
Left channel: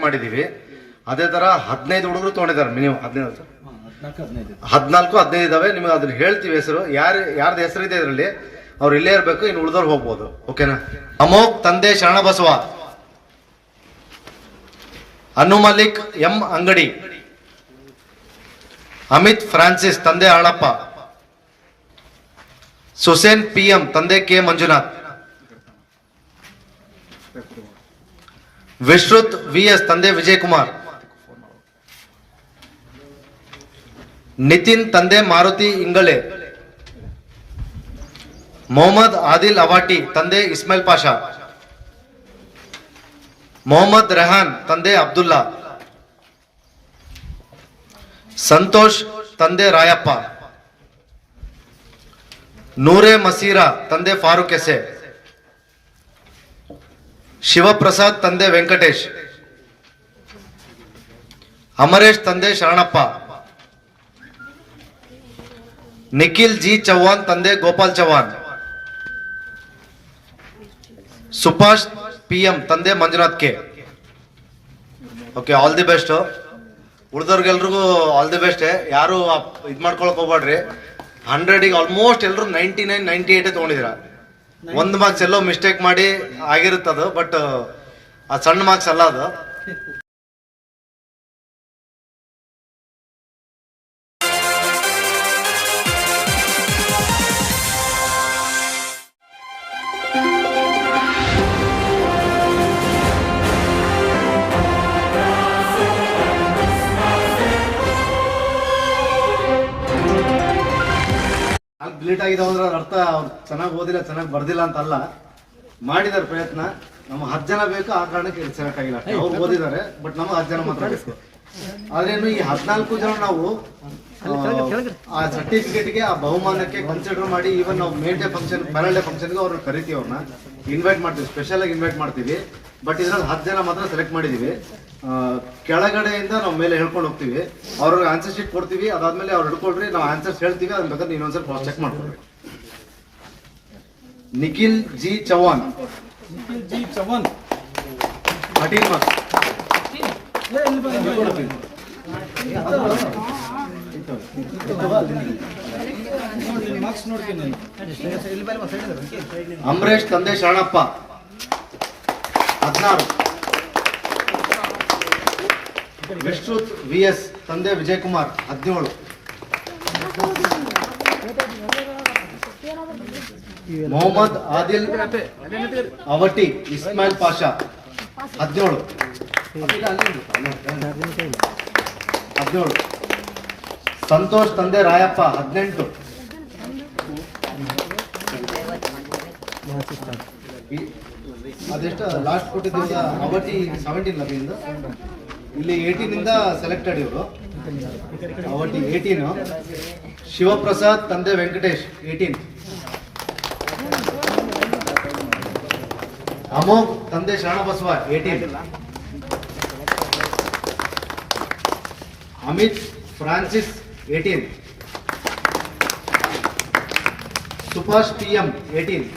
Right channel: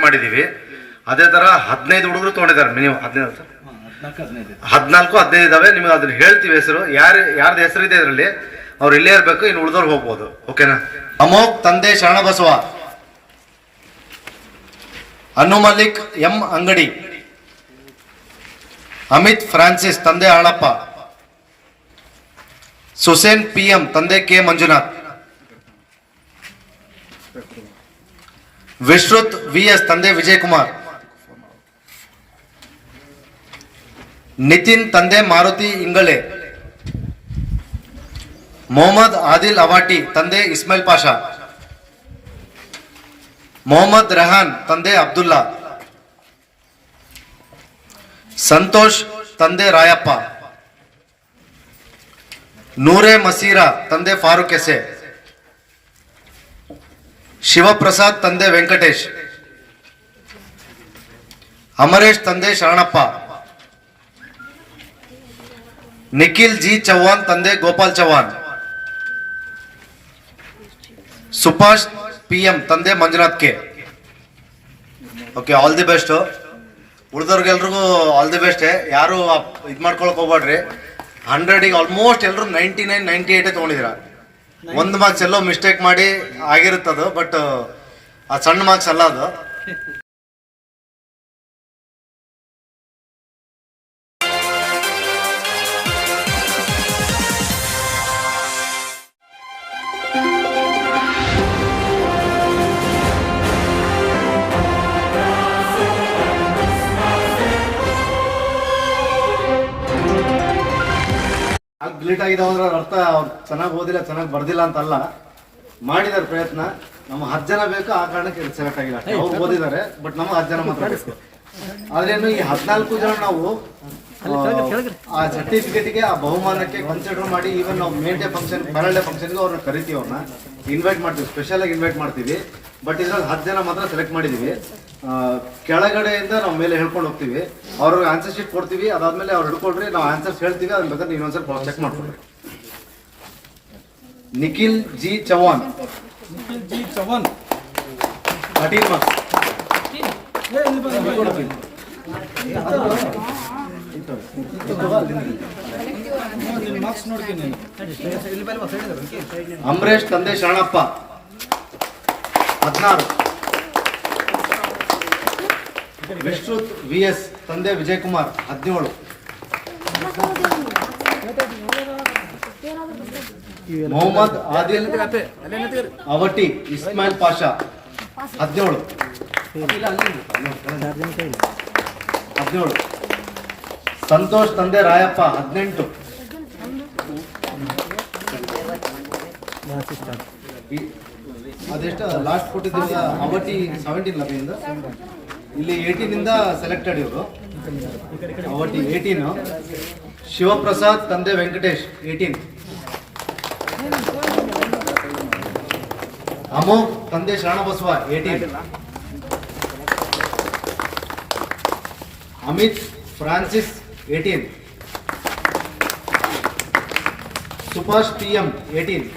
ಮಾಡಿದ್ದೀವಿ. ಅದೇ ಥರ 15 ಹುಡುಗರು ತೊಗೊಂಡಿದ್ದಾರೆ ಮಿನಿಮಮ್. 14-15 ಇದಾವೆ. ನಿಮಗೆ ಅದನ್ನ ಹೇಳ್ತೀವಿ ಹೆಸರು, ಯಾರ್ದು ಹೆಸರಿದೆ ಇದರಲ್ಲಿ ಅವ್ರು ಇಲ್ಲೇ ಇರಬೇಕು, ಇನ್ನು ಉಳಿದವ್ರು ಹೋಗ್ಬೋದು. ಓಕೆನಾ? ಅಮೋಕ್ ತಂದೆ ಶರಣಬಸವ, ಅನು ಮಲಿಕ್ ಎಂ ಅಂಗಡಿ, ಅಮಿತ್ ಫ್ರಾನ್ಸಿಸ್ ತಂದೆ ಆಳಪ್ಪ, ಸುಸೇನ್ PM ತಂದೆ ಕೆ ಮಂಜುನಾಥ್, ವಿಶ್ರುತ್ VS ತಂದೆ ವಿಜಯ್ ಕುಮಾರ್, ನಿತಿನ್ ತಂದೆ ಮಾರುತಿ ಇಂಗಳೆ, ಮೊಹಮ್ಮದ್ ಆದಿಲ್ ಅವಾಟಿ ತಂದೆ ಇಸ್ಮಾಯಿಲ್ ಪಾಷಾ, ಮೊಹಮ್ಮದ್ ರೆಹಾನ್ ತಂದೆ ಅಬ್ದುಲ್ಲಾ, ಸಂತೋಷ್ ತಂದೆ ರಾಯಪ್ಪ, ನೂರೆ ಮಸೀರಾ ತಂದೆ ಫಾರೂಕ್ ಎಸೆ, ಶಿವಪ್ರಸಾದ್ ತಂದೆ ವೆಂಕಟೇಶ್, ಅಮರೇಶ್ ತಂದೆ ಶರಣಪ್ಪ, ನಿಖಿಲ್ ಜಿ ಚೌಹಾನ್ ತಂದೆ ಗೋಪಾಲ್ ಚೌಹಾನ್, ಸುಭಾಷ್ PM ತಂದೆ Manjunath K. Okay, all the best. ಉಳಿದವ್ರಿಗೆಲ್ರಿಗೂ ಆಲ್ ದಿ ಬೆಸ್ಟ್. ಯಾರು ಇದು ಮಾಡ್ಕೊಳಕ್ ಹೋಗ್ಬೇಡ್ರಿ. 100ಗೆ ಆಲ್ಮೋಸ್ಟ್ ಎಲ್ಲರೂ 99, 98 ತೊಗೊಂಡಿದ್ದೀರಾ. 1 ಮಾರ್ಕ್ಸ್ ಎಲ್ಲೋ ಮಿಸ್ಟೇಕ್ ಮಾಡಿ ಆಗಿರುತ್ತದು, ಬಟ್ ಅದು ಸಣ್ಣ ಮಾರ್ಕ್ಸ್ ಅಲ್ಲ ಅದು. ಡಿಲೀಟ್ ಆಗಿದಾವ ಅಂದ್ರೆ ಅರ್ಥ ಅವ್ರು ಚೆನ್ನಾಗಿ ಓದಿಲ್ಲ, ಚೆನ್ನಾಗಿ ಬರ್ದಿಲ್ಲ ಅಂತಲ್ಲ, ಮಾಡಿದಾರೆ ಪ್ರಯತ್ನ. ನಮ್ಮ 10 ಜನ ಬೇಕು, ಆ ಕಾರಣಕ್ಕೆ ಸೆಲೆಕ್ಟ್ ಆಗಿಲ್ಲ. ಅವ್ರು ಓದಿದ್ದಾರೆ, ಬಟ್ ನಮಗೆ 10 ಜನ ಮಾತ್ರ ಬೇಕು. ಆದ್ರೇನು ಈ 14 ಜನ ನಾವು ಆ ಸರ್ಟಿಫಿಕೇಟ್ಗೆ, ಆ ಬಹುಮಾನಕ್ಕೆ ಕನ್ಸಿಡರ್ ಮಾಡಿ, ಈವನ್ ನಾವು main day function, final day ಫಂಕ್ಷನ್ಗೆ ಅವ್ರನ್ನ ಕರಿತೀವಿ, ಅವ್ರನ್ನ ಇನ್ವೈಟ್ ಮಾಡ್ತೀವಿ, ಸ್ಪೆಷಲ್ ಆಗಿ ಇನ್ವೈಟ್ ಮಾಡ್ತೀವಿ. ಬಟ್ ಇದ್ರಲ್ಲಿ 10 ಜನ ಮಾತ್ರ ಸೆಲೆಕ್ಟ್ ಮಾಡಿದೀವಿ. ಕೆಳಗಡೆಯಿಂದ ನಾವು ಮೇಲೆ ಹೇಳ್ಕೊಂಡು ಹೋಗ್ತೀವಿ, ಅವ್ರಿಗೆ ಆನ್ಸರ್ ಶೀಟ್ ಕೊಡ್ತೀವಿ. ಅದಾದ್ಮೇಲೆ ಅವ್ರು ಹಿಡ್ಕೊಳ್ರಿ, ನಾವು ಆನ್ಸರ್ಸ್ ಹೇಳ್ತೀವಿ, ಅದನ್ನ ಬೇಕಾದ್ರೆ ಇನ್ನೊಂದ್ಸಲ ಕ್ರಾಸ್ ಚೆಕ್ ಮಾಡ್ಕೊಳ್ರಿ. Nikhil G Chauhan 13 marks. ಅಂಬರೀಶ್ ತಂದೆ ಶರಣಪ್ಪ 16, ವಿಶ್ರುತ್ VS ತಂದೆ ವಿಜಯ್ ಕುಮಾರ್ 17, ಮೊಹಮ್ಮದ್ ಆದಿಲ್ ಅವಟಿ ಇಸ್ಮಾಯಿಲ್ ಪಾಷಾ 17, ಸಂತೋಷ್ ತಂದೆ ರಾಯಪ್ಪ 18, ಅದೆಷ್ಟು ಲಾಸ್ಟ್ ಕೊಟ್ಟಿದ್ದ ಅವಟಿ 17 ಲಭಿಂದ. ಇಲ್ಲಿ 18 ಇಂದ ಸೆಲೆಕ್ಟೆಡ್ ಇವರು. ಅವಟಿ 18, ಶಿವಪ್ರಸಾದ್ ತಂದೆ ವೆಂಕಟೇಶ್ 18, ಅಮೋಘ್ ತಂದೆ ಶರಣಬಸವ 18, ಅಮಿತ್ ಫ್ರಾನ್ಸಿಸ್ 18, ಸುಭಾಷ್ PM 18,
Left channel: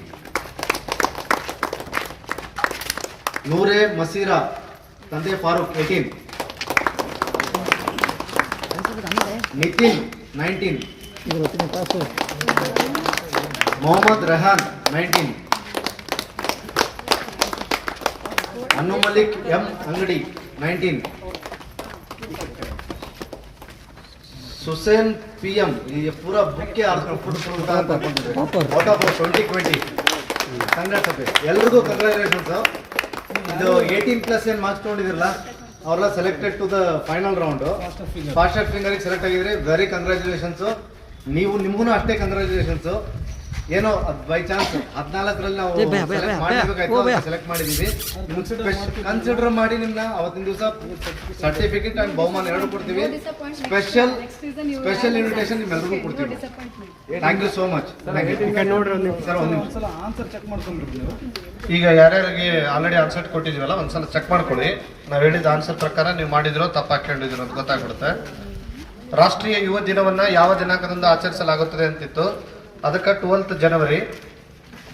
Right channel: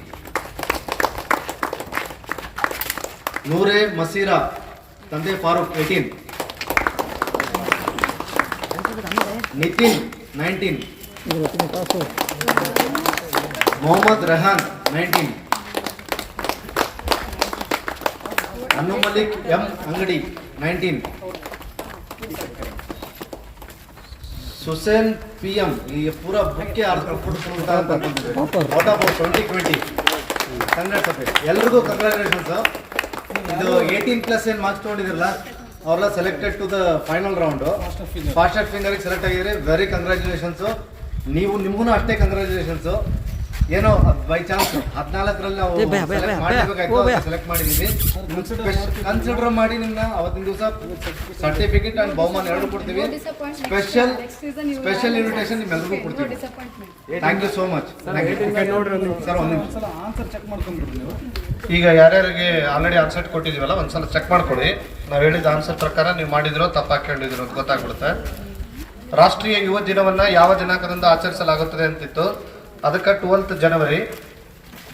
ನೂರೆ ಮಸೀರಾ ತಂದೆ ಫಾರೂಕ್ 18, ನಿತಿನ್ 19, ಮೊಹಮ್ಮದ್ ರೆಹಾನ್ 19, ಅನು ಮಲಿಕ್ ಎಂ ಅಂಗಡಿ 19, ಸುಸೇನ್ PM. ಈ ಪೂರ ಬುಕ್ಕೆ ಔಟ್ ಆಫ್ 2020. ಎಲ್ರಿಗೂ ಕಂಗ್ರಾಚುಲೇಷನ್ಸ್. ಇದು 18+ ಏನು ಮಾರ್ಕ್ಸ್ ತೊಗೊಂಡಿದಿರಲ್ಲ, ಅವರೆಲ್ಲ selected to the final round. Fast ಫಿಂಗರ್ಗೆ ಸೆಲೆಕ್ಟ್ ಆಗಿದ್ರೆ ವೆರಿ ಕಂಗ್ರಾಚುಲೇಷನ್ಸ್. ನಿಮ್ಗೂ ಅಷ್ಟೇ ಕಂಗ್ರಾಚುಲೇಷನ್ಸ್. ಏನೋ ಬೈ ಚಾನ್ಸ್ 14ರಲ್ಲಿ ನಾವು ಸೆಲೆಕ್ಟ್ ಮಾಡಿದೀವಿ. ಕನ್ಸಿಡರ್ ಮಾಡಿ ನಿಮ್ನ ಅವತ್ತಿನ ದಿವಸ ಸರ್ಟಿಫಿಕೇಟ್ ಅಂಡ್ ಬಹುಮಾನ 2 ಕೊಡ್ತೀವಿ. ಸ್ಪೆಷಲ್ ಇನ್ವಿಟೇಷನ್ ನಿಮ್ಮೆಲ್ಲರಿಗೂ ಕೊಡ್ತೀವಿ. Thank you so much. Answer check ಮಾಡ್ಕೊಂಡ್ಬಿಡ್ರಿ ನೀವು. ಈಗ ಯಾರ್ಯಾರಿಗೆ ಆಲ್ರೆಡಿ ಆನ್ಸರ್ ಕೊಟ್ಟಿದ್ದೀವಲ್ಲ, ಒಂದ್ಸಲ ಚೆಕ್ ಮಾಡ್ಕೊಳ್ಳಿ. ನಾವು ಹೇಳಿದ ಆನ್ಸರ್ ಪ್ರಕಾರ ನೀವು ಮಾಡಿದಿರೋ ತಪ್ಪು ಹಾಕೊಂಡಿದ್ದೀರೋ ಅಂತ ಗೊತ್ತಾಗ್ಬಿಡುತ್ತೆ. ರಾಷ್ಟ್ರೀಯ ಯುವ ದಿನವನ್ನ ಯಾವ ದಿನಾಂಕದಿಂದ ಆಚರಿಸಲಾಗುತ್ತದೆ ಅಂತಿತ್ತು. ಅದಕ್ಕೆ 12th ಜನವರಿ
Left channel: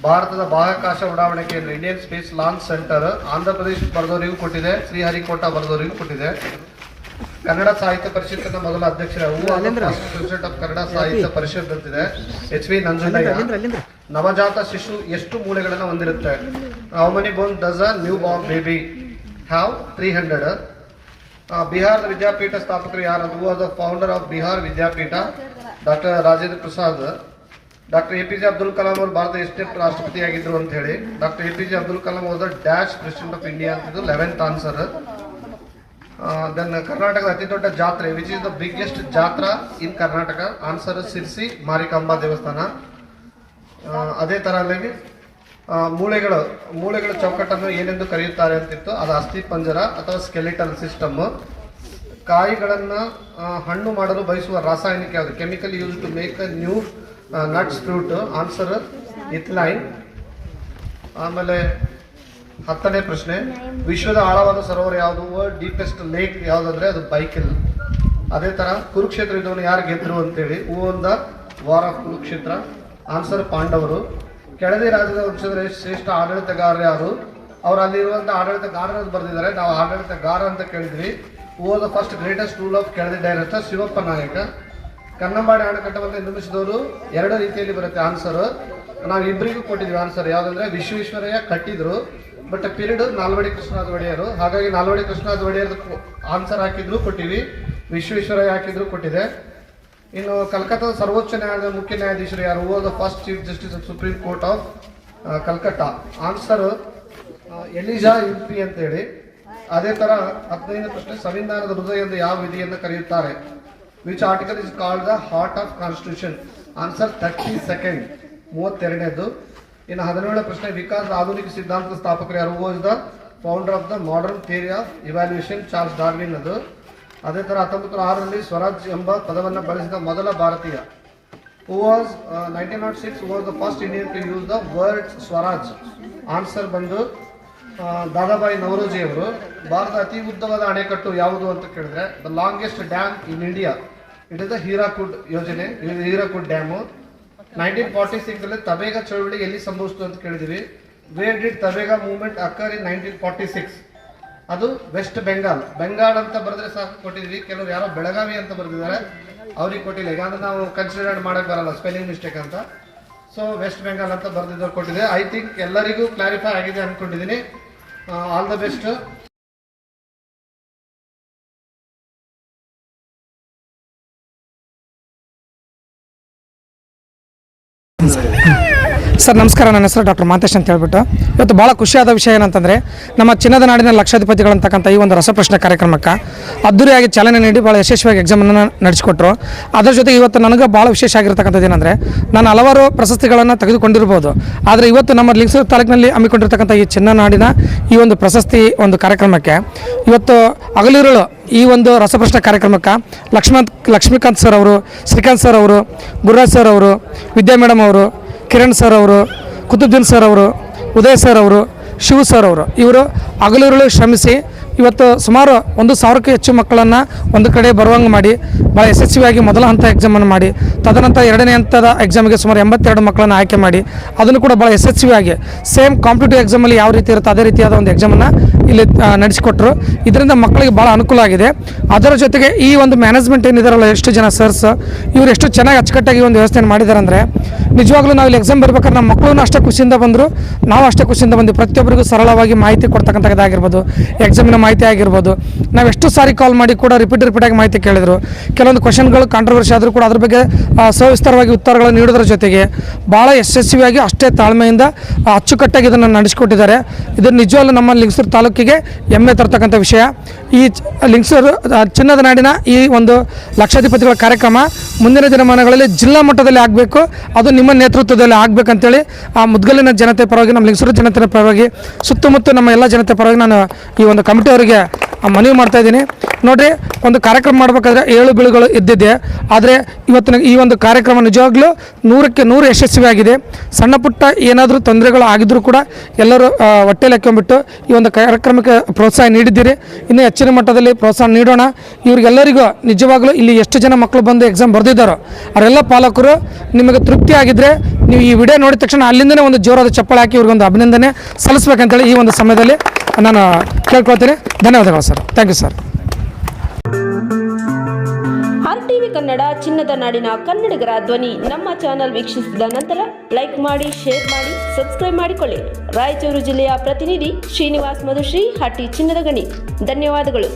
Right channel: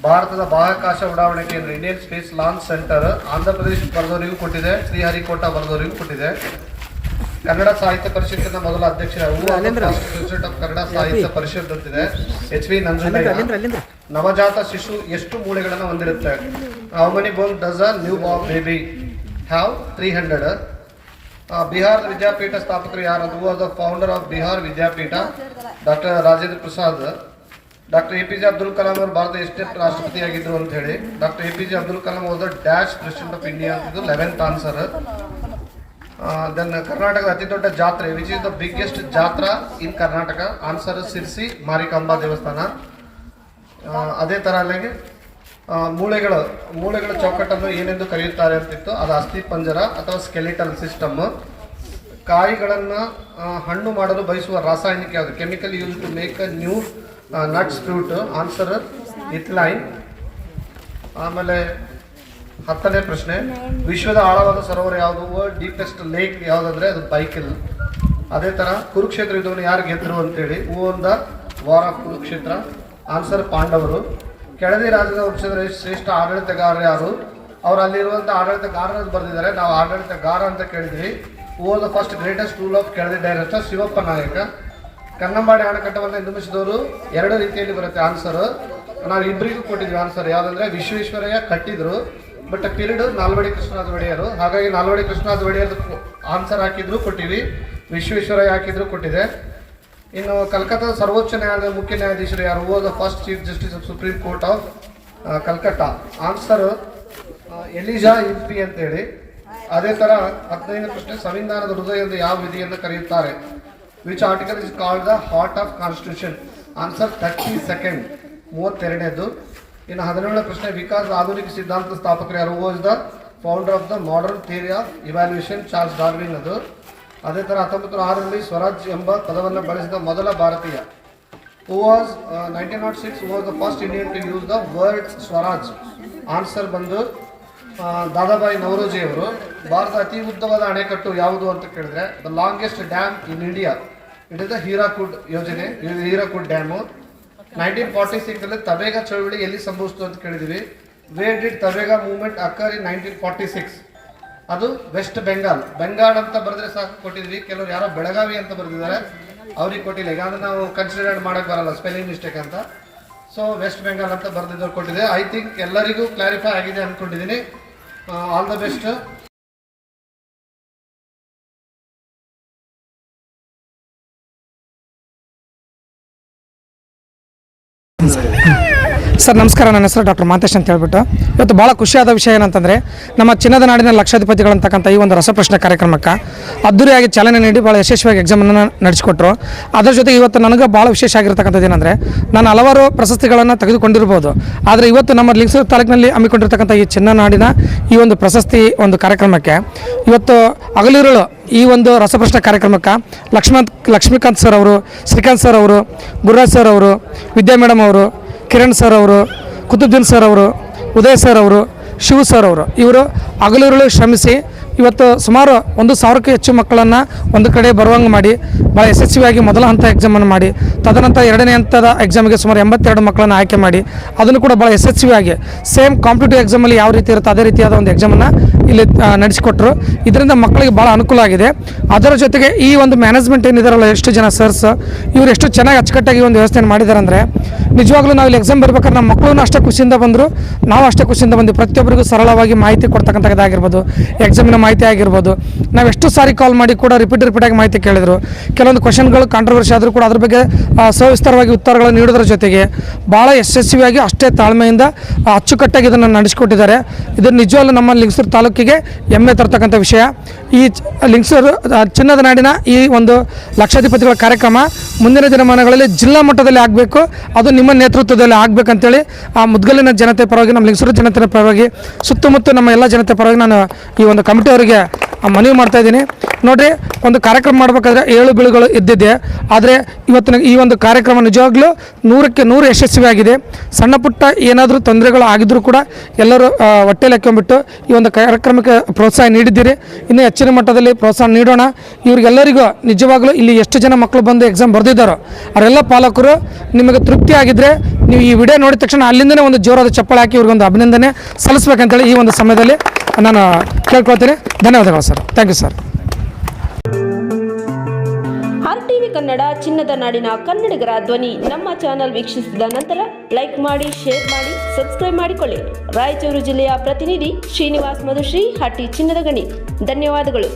ಭಾರತದ ಬಾಹ್ಯಾಕಾಶ ಉಡಾವಣೆ ಕೇಂದ್ರ Indian space launch centre Andhra Pradesh ಬರೆದವರಿಗೂ ಕೊಟ್ಟಿದೆ, ಶ್ರೀಹರಿಕೋಟ ಬರೆದವರಿಗೂ ಕೊಟ್ಟಿದೆ. ಕನ್ನಡ ಸಾಹಿತ್ಯ ಪರಿಷತ್ತಿನ ಮೊದಲ ಅಧ್ಯಕ್ಷರ ಕನ್ನಡ ಸಾಹಿತ್ಯ ಪರಿಷತ್ ಅಂತಿದೆ ಎಚ್ ವಿ ನಂಜುಂಡಯ್ಯ. ನವಜಾತ ಶಿಶು ಎಷ್ಟು ಮೂಳೆಗಳನ್ನು ಹೊಂದಿರುತ್ತೆ? How many bones does a newborn baby have? 300. ಬಿಹಾರದ ವಿದ್ಯಾಪೀಠ ಸ್ಥಾಪಕರು ಯಾರು? Who was the founder of Bihar Vidyapeeth? Doctor Rajendra Prasad. Doctor A P J Abdul Kalam ಅವರು ಭಾರತ ಎಷ್ಟೇ ರಾಷ್ಟ್ರಪತಿಯಾಗಿದ್ರು ಅಂತ ಹೇಳಿ? Doctor A P J Abdul Kalam was the dash president of India ಅಂತಿದ್ದು 11th ಆನ್ಸರ್. ದೆನ್ ಕರ್ನಾಟಕದ ಅತಿ ದೊಡ್ಡ ಜಾತ್ರೆ, which is the biggest jatra in Karnataka? Answer Sirsi Marikamba ದೇವಸ್ಥಾನ. ಅದೇ ತರ ಅಲ್ಲಿ ಮೂಳೆಗಳ ಚೌಕಟ್ಟನ್ನು ಏನೆಂದು ಕರೆಯುತ್ತಾರೆ ಅಂತಿತ್ತು, ಅದು ಅಸ್ಥಿ ಪಂಜರ ಅಥವಾ ಸ್ಕೆಲಿಟಲ್ ಸಿಸ್ಟಮ್. ಕಾಯಿಗಳನ್ನು ಹಣ್ಣು ಮಾಡಲು ಬಯಸುವ ರಾಸಾಯನಿಕ ಯಾವುದು? Chemical use to make a new nuts fruit? Answer ethylene. ಆಮೇಲೆ 10ನೇ ಪ್ರಶ್ನೆ, ವಿಶ್ವದ ಆಳವಾದ ಸರೋವರ ಯಾವುದು? ವರ್ಲ್ಡ್ ಡೀಪೆಸ್ಟ್ ಲೇಕ್ ಯಾವುದಂದ್ರೆ ಅದು ಬೈಕಲ್. ಅದೇ ತರ ಕುರುಕ್ಷೇತ್ರ ಯುದ್ಧವನ್ನು ಯಾರು ಗೆದ್ರು ಅಂತೇಳಿ? ಹೂ was the war of Kurukshetra? Answer ಪಾಂಡವರು. ಕೆಳದಿ ರಾಜ್ಯದ ವಂಶದ ಶ್ರೇಷ್ಠ ಆಡಳಿತಗಾರ ಯಾರು? ಅವ್ರು ಅಲ್ಲಿರುವಂತ ಆಡಳಿತಗಾರ ಬರೆದಿದ್ದಾರೆ, ನಾವು ಆಡಳಿತಗಾರ ಅಂತ ಕೇಳಿದ್ವಿ. ಹೂ was the first greatest rule of Keladi director? Shivappa ನಾಯಕ. ಕನ್ನಂಬಾಡಿ ಅಣೆಕಟ್ಟವನ್ನು ನಿರ್ಮಿಸಿದವರು 2 ರೀತಿಯಲ್ಲಿ ಬರುತ್ತೆ ಆನ್ಸರ್. ನಾವು ಇಬ್ಬರಿಗೂ ಕೊಟ್ಟಿದ್ವಿ ಆನ್ಸರ್. ಯಾವ್ದಂದ್ರೆ ವಿಶ್ವೇಶ್ವರಯ್ಯ ಕಟ್ಟಿದ್ರು, ಬಟ್ ಪೀರಿಯಡ್ ನಾಲ್ವಡಿ ಕೃಷ್ಣರಾಜ ಒಡೆಯರು. ಹಾಗಾಗಿ ನಾಲ್ವಡಿ ಕೃಷ್ಣರಾಜ ಒಡೆಯರ್ ಆನ್ಸರ್ ಹಾಕಿದ್ರು ಕೊಟ್ಟಿವಿ, ವಿಶ್ವೇಶ್ವರಯ್ಯ ಹಾಕಿದ್ರು ಕೊಟ್ಟಿದೆ. ಇನ್ನು ಕಲ್ಕತ್ತಾದ ಸರ್ವೋಚ್ಚ ನ್ಯಾಯಾಲಯದ ಮುಖ್ಯ ನ್ಯಾಯಾಧೀಶರು ಯಾರು? Who was the first chief justice of supreme court of Calcutta? Answer Elijah Impey ಅಂತ ಹೇಳಿ. ಅದೇ ತರ 15ನೇ ಪ್ರಶ್ನೆ, ಸಂವಿಧಾನದ ಹೃದಯ ಎಂದು ಯಾವ ವಿಧಿಯನ್ನು ಕರೆಯುತ್ತಾರೆ? Which article is called the heart of constitution? Answer 32nd, 32ನೇದು. ಇನ್ನು 17ನೇ ಪ್ರಶ್ನೆ, ವಿಕಾಸ್ ಆಧುನಿಕ ಸಿದ್ಧಾಂತದ ಸ್ಥಾಪಕರು ಯಾರು? Who was the founder of the modern theory of evaluation? Charles Darwin ಅದು. ಅದೇ ತರ 1906ರಲ್ಲಿ ಸ್ವರಾಜ್ ಎಂಬ ಪದವನ್ನು ಬಳಸಿದ ಮೊದಲ ಭಾರತೀಯ? Who was 1906 who was the first Indian to use the word swaraj? Answer ಬಂದು ದಾದಾಬಾಯಿ ನವರೋಜಿ ಅವರು. ಭಾರತದ ಅತಿ ಉದ್ದವಾದ ಅಣೆಕಟ್ಟು ಯಾವುದು ಅಂತ ಕೇಳಿದ್ರೆ, the longest dam in India, it is the Hirakud ಯೋಜನೆ, ಹೀರಾಕುಡ್ ಡ್ಯಾಮು. 1946 ತಬೇಗ ಚಳವಳಿ ಎಲ್ಲಿ ಸಂಭವಿಸಿತು ಅಂತ ಕೇಳಿದ್ವಿ. Where did Tebhaga movement occur in 1946? ಅದು ವೆಸ್ಟ್ ಬೆಂಗಾಲ್. ಬೆಂಗಾಲ್ ಅಂತ ಬರೆದ್ರೆ ಸಾಕು ಕೊಟ್ಟಿದ್ವಿ. ಕೆಲವರು ಯಾರೋ ಬೆಳಗಾವಿ ಅಂತ ಬರೆದಿದ್ದಾರೆ, ಅವ್ರಿಗೆ ಕೊಟ್ಟಿಲ್ಲ. ಈಗ ಅಂದ್ರೆ ನಾವು ಕನ್ಸಿಡರ್ ಮಾಡಕ್ ಬರಲ್ಲ, ಸ್ಪೆಲ್ಲಿಂಗ್ ಮಿಸ್ಟೇಕ್ ಅಂತ. ಸೊ ವೆಸ್ಟ್ ಬೆಂಗಾಲ್ ಅಂತ ಬರೆದಿದ್ದವ್ರು ಕೊಟ್ಟಿದೆ. ಐ ಥಿಂಕ್ ಎಲ್ಲರಿಗೂ ಕ್ಲಾರಿಫೈ ಆಗಿದೆ ಅನ್ಕೊಂಡಿದ್ದೀನಿ. All the best. ಸರ್ ನಮಸ್ಕಾರ, ನನ್ನ ಹೆಸರು ಡಾಕ್ಟರ್ ಮಾಂತೇಶ್ ಅಂತ ಹೇಳ್ಬಿಟ್ಟು. ಇವತ್ತು ಭಾಳ ಖುಷಿಯಾದ ವಿಷಯ ಏನಂತಂದರೆ, ನಮ್ಮ ಚಿನ್ನದ ನಾಡಿನ ಲಕ್ಷಾಧಿಪತಿಗಳಂತಕ್ಕಂಥ ಈ ಒಂದು ರಸಪ್ರಶ್ನೆ ಕಾರ್ಯಕ್ರಮಕ್ಕೆ ಅದ್ದೂರಿಯಾಗಿ ಚಾಲನೆ ನೀಡಿ ಭಾಳ ಯಶಸ್ವಿಯಾಗಿ ಎಕ್ಸಾಮನ್ನು ನಡೆಸಿಕೊಟ್ರು. ಅದರ ಜೊತೆಗೆ ಇವತ್ತು ನನಗೆ ಭಾಳ ವಿಶೇಷ ಆಗಿರ್ತಕ್ಕಂಥದ್ದು ಏನಂದರೆ, ನಾನು ಹಲವಾರು ಪ್ರಶಸ್ತಿಗಳನ್ನು ತೆಗೆದುಕೊಂಡಿರ್ಬೋದು, ಆದರೆ ಇವತ್ತು ನಮ್ಮ ಲಿಂಗಸೂರು ತಾಲೂಕಿನಲ್ಲಿ ಹಮ್ಮಿಕೊಂಡಿರ್ತಕ್ಕಂಥ ಈ ಚಿನ್ನ ನಾಡಿನ ಈ ಒಂದು ಪ್ರಶಸ್ತಿ ಒಂದು ಕಾರ್ಯಕ್ರಮಕ್ಕೆ ಇವತ್ತು ಹಗಲಿರುಳು ಈ ಒಂದು ರಸಪ್ರಶ್ನೆ ಕಾರ್ಯಕ್ರಮಕ್ಕೆ ಲಕ್ಷ್ಮೀಕಾಂತ್ ಸರ್ ಅವರು, ಶ್ರೀಕಾಂತ್ ಸರ್ ಅವರು, ಗುರುರಾಜ್ ಸರ್ ಅವರು, ವಿದ್ಯಾ ಮೇಡಮ್ ಅವರು, ಕಿರಣ್ ಸರ್ ಅವರು, ಕುತುಬ್ದೀನ್ ಸರ್ ಅವರು, ಉದಯ್ ಸರ್ ಅವರು, ಶಿವ ಸರ್ ಅವರು, ಇವರು ಹಗಲಿರುಳು ಶ್ರಮಿಸಿ ಇವತ್ತು ಸುಮಾರು 1,000ಕ್ಕೂ ಹೆಚ್ಚು ಮಕ್ಕಳನ್ನು ಒಂದು ಕಡೆ ಬರುವಂಗೆ ಮಾಡಿ ಭಾಳ ಯಶಸ್ವಿಯಾಗಿ ಮೊದಲ ಹಂತ ಎಕ್ಸಾಮನ್ನು ಮಾಡಿ, ತದನಂತರ 2ನೇ ಹಂತದ ಎಕ್ಸಾಮಿಗೆ ಸುಮಾರು 82 ಮಕ್ಕಳನ್ನು ಆಯ್ಕೆ ಮಾಡಿ ಅದನ್ನು ಕೂಡ ಭಾಳ ಯಶಸ್ವಿಯಾಗಿ ಸೇಮ್ ಕಾಂಪಿಟೇಟಿವ್ ಎಕ್ಸಾಮಲ್ಲಿ ಯಾವ ರೀತಿ ಇರುತ್ತೆ ಅದೇ ರೀತಿಯಾದ ಒಂದು ಎಕ್ಸಾಮನ್ನು ಇಲ್ಲಿ ನಡೆಸಿಕೊಟ್ರು. ಇದರಿಂದ ಮಕ್ಕಳಿಗೆ ಭಾಳ ಅನುಕೂಲ ಆಗಿದೆ. ಅದರ ಜೊತೆಗೆ ಈ ಒಂದು ಮ್ಯಾನೇಜ್ಮೆಂಟ್ ಏನಿದಾರಲ್ಲ, ಎಷ್ಟು ಜನ ಸರ್ಸ್ ಇವರು ಎಷ್ಟು ಚೆನ್ನಾಗಿ ಅಚ್ಚುಕಟ್ಟಾಗಿ ಒಂದು ವ್ಯವಸ್ಥೆಯನ್ನು ಮಾಡಿದ್ದಾರೆ ಅಂದರೆ, ನಿಜವಾಗ್ಲೂ ನಾವು ಇಲ್ಲಿ ಎಕ್ಸಾಮ್ ಬರ್ಬೇಕಾದ್ರೆ ನಮ್ಮ ಮಕ್ಕಳು ಅಷ್ಟೇ ಖುಷಿಯಿಂದ ಬಂದರು, ನಾವು ಅಷ್ಟೇ ಖುಷಿಯಿಂದ ಬಂದು ಪ್ರತಿಯೊಬ್ಬರಿಗೂ ಸರಳವಾಗಿ ಮಾಹಿತಿ ಕೊಡ್ತಕ್ಕಂಥದ್ದಾಗಿರ್ಬೋದು, ಎಕ್ಸಾಮಿನ ಮಾಹಿತಿ ಆಗಿರ್ಬೋದು. ನಾವು ಎಷ್ಟು ಸಾರಿ ಕಾಲ್ ಮಾಡಿ ಕೂಡ ರಿಪೀಟಾಗಿ ಮಾಹಿತಿ ಕೇಳಿದರು. ಕೆಲವೊಂದು ಕ್ವಶನ್ಗಳು ಕಾಂಟ್ರವರ್ಸಿ ಆದರೂ ಕೂಡ ಅದ್ರ ಬಗ್ಗೆ ಸವಿಸ್ತರವಾಗಿ ಉತ್ತರಗಳನ್ನು ನೀಡೋದ್ರ ಜೊತೆಗೆ ಭಾಳ ಯಶಸ್ವಿಯಾಗಿ ಅಷ್ಟೇ ತಾಳ್ಮೆಯಿಂದ ಅಚ್ಚುಕಟ್ಟಾಗಿ ಇದನ್ನು ನಡೆಸಿಕೊಟ್ಟಿದ್ದಾರೆ. ಇದು ನಿಜವಾಗ್ಲೂ ನಮ್ಮ ಲಿಂಗಸೂರು ತಾಲೂಕಿಗೆ ಹೆಮ್ಮೆ ತರ್ತಕ್ಕಂಥ ವಿಷಯ. ಈ ಲಿಂಗಸೂರು ಚಿನ್ನದ ನಾಡಿನ ಈ ಒಂದು ಲಕ್ಷಾಧಿಪತಿಗಳ ಕಾರ್ಯಕ್ರಮ ಮುಂದಿನ ದಿನಮಾನಗಳಲ್ಲಿ ಜಿಲ್ಲಾ ಮಟ್ಟದಲ್ಲಿ ಆಗಬೇಕು, ಅದು ನಿಮ್ಮ ನೇತೃತ್ವದಲ್ಲಿ ಆಗಬೇಕಂತೇಳಿ ಆ ಮುದ್ಗಲಿನ ಜನತೆ ಪರವಾಗಿ, ನಮ್ಮ ಲಿಂಗಸೂರು ಜನತೆ ಪರವಾಗಿ, ಸುತ್ತಮುತ್ತ ನಮ್ಮ ಎಲ್ಲ ಜನತೆ ಪರವಾಗಿ ನಾನು ಈ ಒಂದು ಕಮಿಟಿ ಅವರಿಗೆ ಮನವಿ ಮಾಡ್ತಾ ಇದ್ದೀನಿ. ನೋಡಿರಿ, ಒಂದು ಕಾರ್ಯಕ್ರಮ ಮಾಡಬೇಕಾದ್ರೆ ಏಳು ಬೀಳುಗಳು ಇದ್ದಿದೆ, ಆದರೆ ಇವತ್ತಿನ ಈ ಒಂದು ಕಾರ್ಯಕ್ರಮ ನಿಜವಾಗ್ಲೂ 100ಕ್ಕೆ 100 ಯಶಸ್ವಿಯಾಗಿದೆ. ಸಣ್ಣ ಪುಟ್ಟ ಏನಾದರೂ ತೊಂದರೆಗಳು ಆಗಿದ್ದರೂ ಕೂಡ ಎಲ್ಲರೂ ಹೊಟ್ಟೆಲಿ ಹಾಕೊಂಡ್ಬಿಟ್ಟು ಈ ಒಂದು ಕಾರ್ಯಕ್ರಮಕ್ಕೆ ಪ್ರೋತ್ಸಾಹ ನೀಡಿದ್ದೀರಿ. ಇನ್ನೂ ಹೆಚ್ಚಿನ ಮಟ್ಟದಲ್ಲಿ ಪ್ರೋತ್ಸಾಹ ನೀಡೋಣ. ಇವರಿಗೆಲ್ಲರಿಗೂ ನಿಜವಾಗ್ಲೂ ಇಲ್ಲಿ ಎಷ್ಟು ಜನ ಮಕ್ಕಳು ಬಂದು ಎಕ್ಸಾಮ್ ಬರೆದಿದ್ದಾರೋ ಅವರೆಲ್ಲ ಪಾಲಕರು ನಿಮಗೆ ತೃಪ್ತಿ ಆಗಿದೆ ಇದ್ದರೆ ನೀವು ಈ ವಿಡಿಯೋ ನೋಡಿದ ತಕ್ಷಣ ಅಲ್ಲಿಂದನೇ ಒಂದು ಜೋರಾದ ಚಪ್ಪಾಳೆ ಹಾಕಿ ಇವ್ರಿಗೊಂದು ಅಭಿನಂದನೆ ಸಲ್ಲಿಸ್ಬೇಕಂತೇಳಿ ಈ ಒಂದು ಸಮಯದಲ್ಲಿ ನಾನು ಕೇಳ್ಕೊಳ್ತೀನಿ. ಧನ್ಯವಾದಗಳು sir. Thank you sir. RTV Kannada ಚಿನ್ನದ ನಾಡಿನ ಕನ್ನಡಿಗರ ಧ್ವನಿ ನಮ್ಮ ಚಾನೆಲ್ ವೀಕ್ಷಿಸಿದ ನಂತರ ಲೈಕ್ ಮಾಡಿ, ಶೇರ್ ಮಾಡಿ, ಸಬ್ಸ್ಕ್ರೈಬ್ ಮಾಡಿಕೊಳ್ಳಿ. ರಾಯಚೂರು ಜಿಲ್ಲೆಯ ಪ್ರತಿನಿಧಿ ಶ್ರೀನಿವಾಸ್ ಮಧುಶ್ರೀ, ಹಟ್ಟಿ ಚಿನ್ನದ ಗಣಿ. ಧನ್ಯವಾದಗಳು.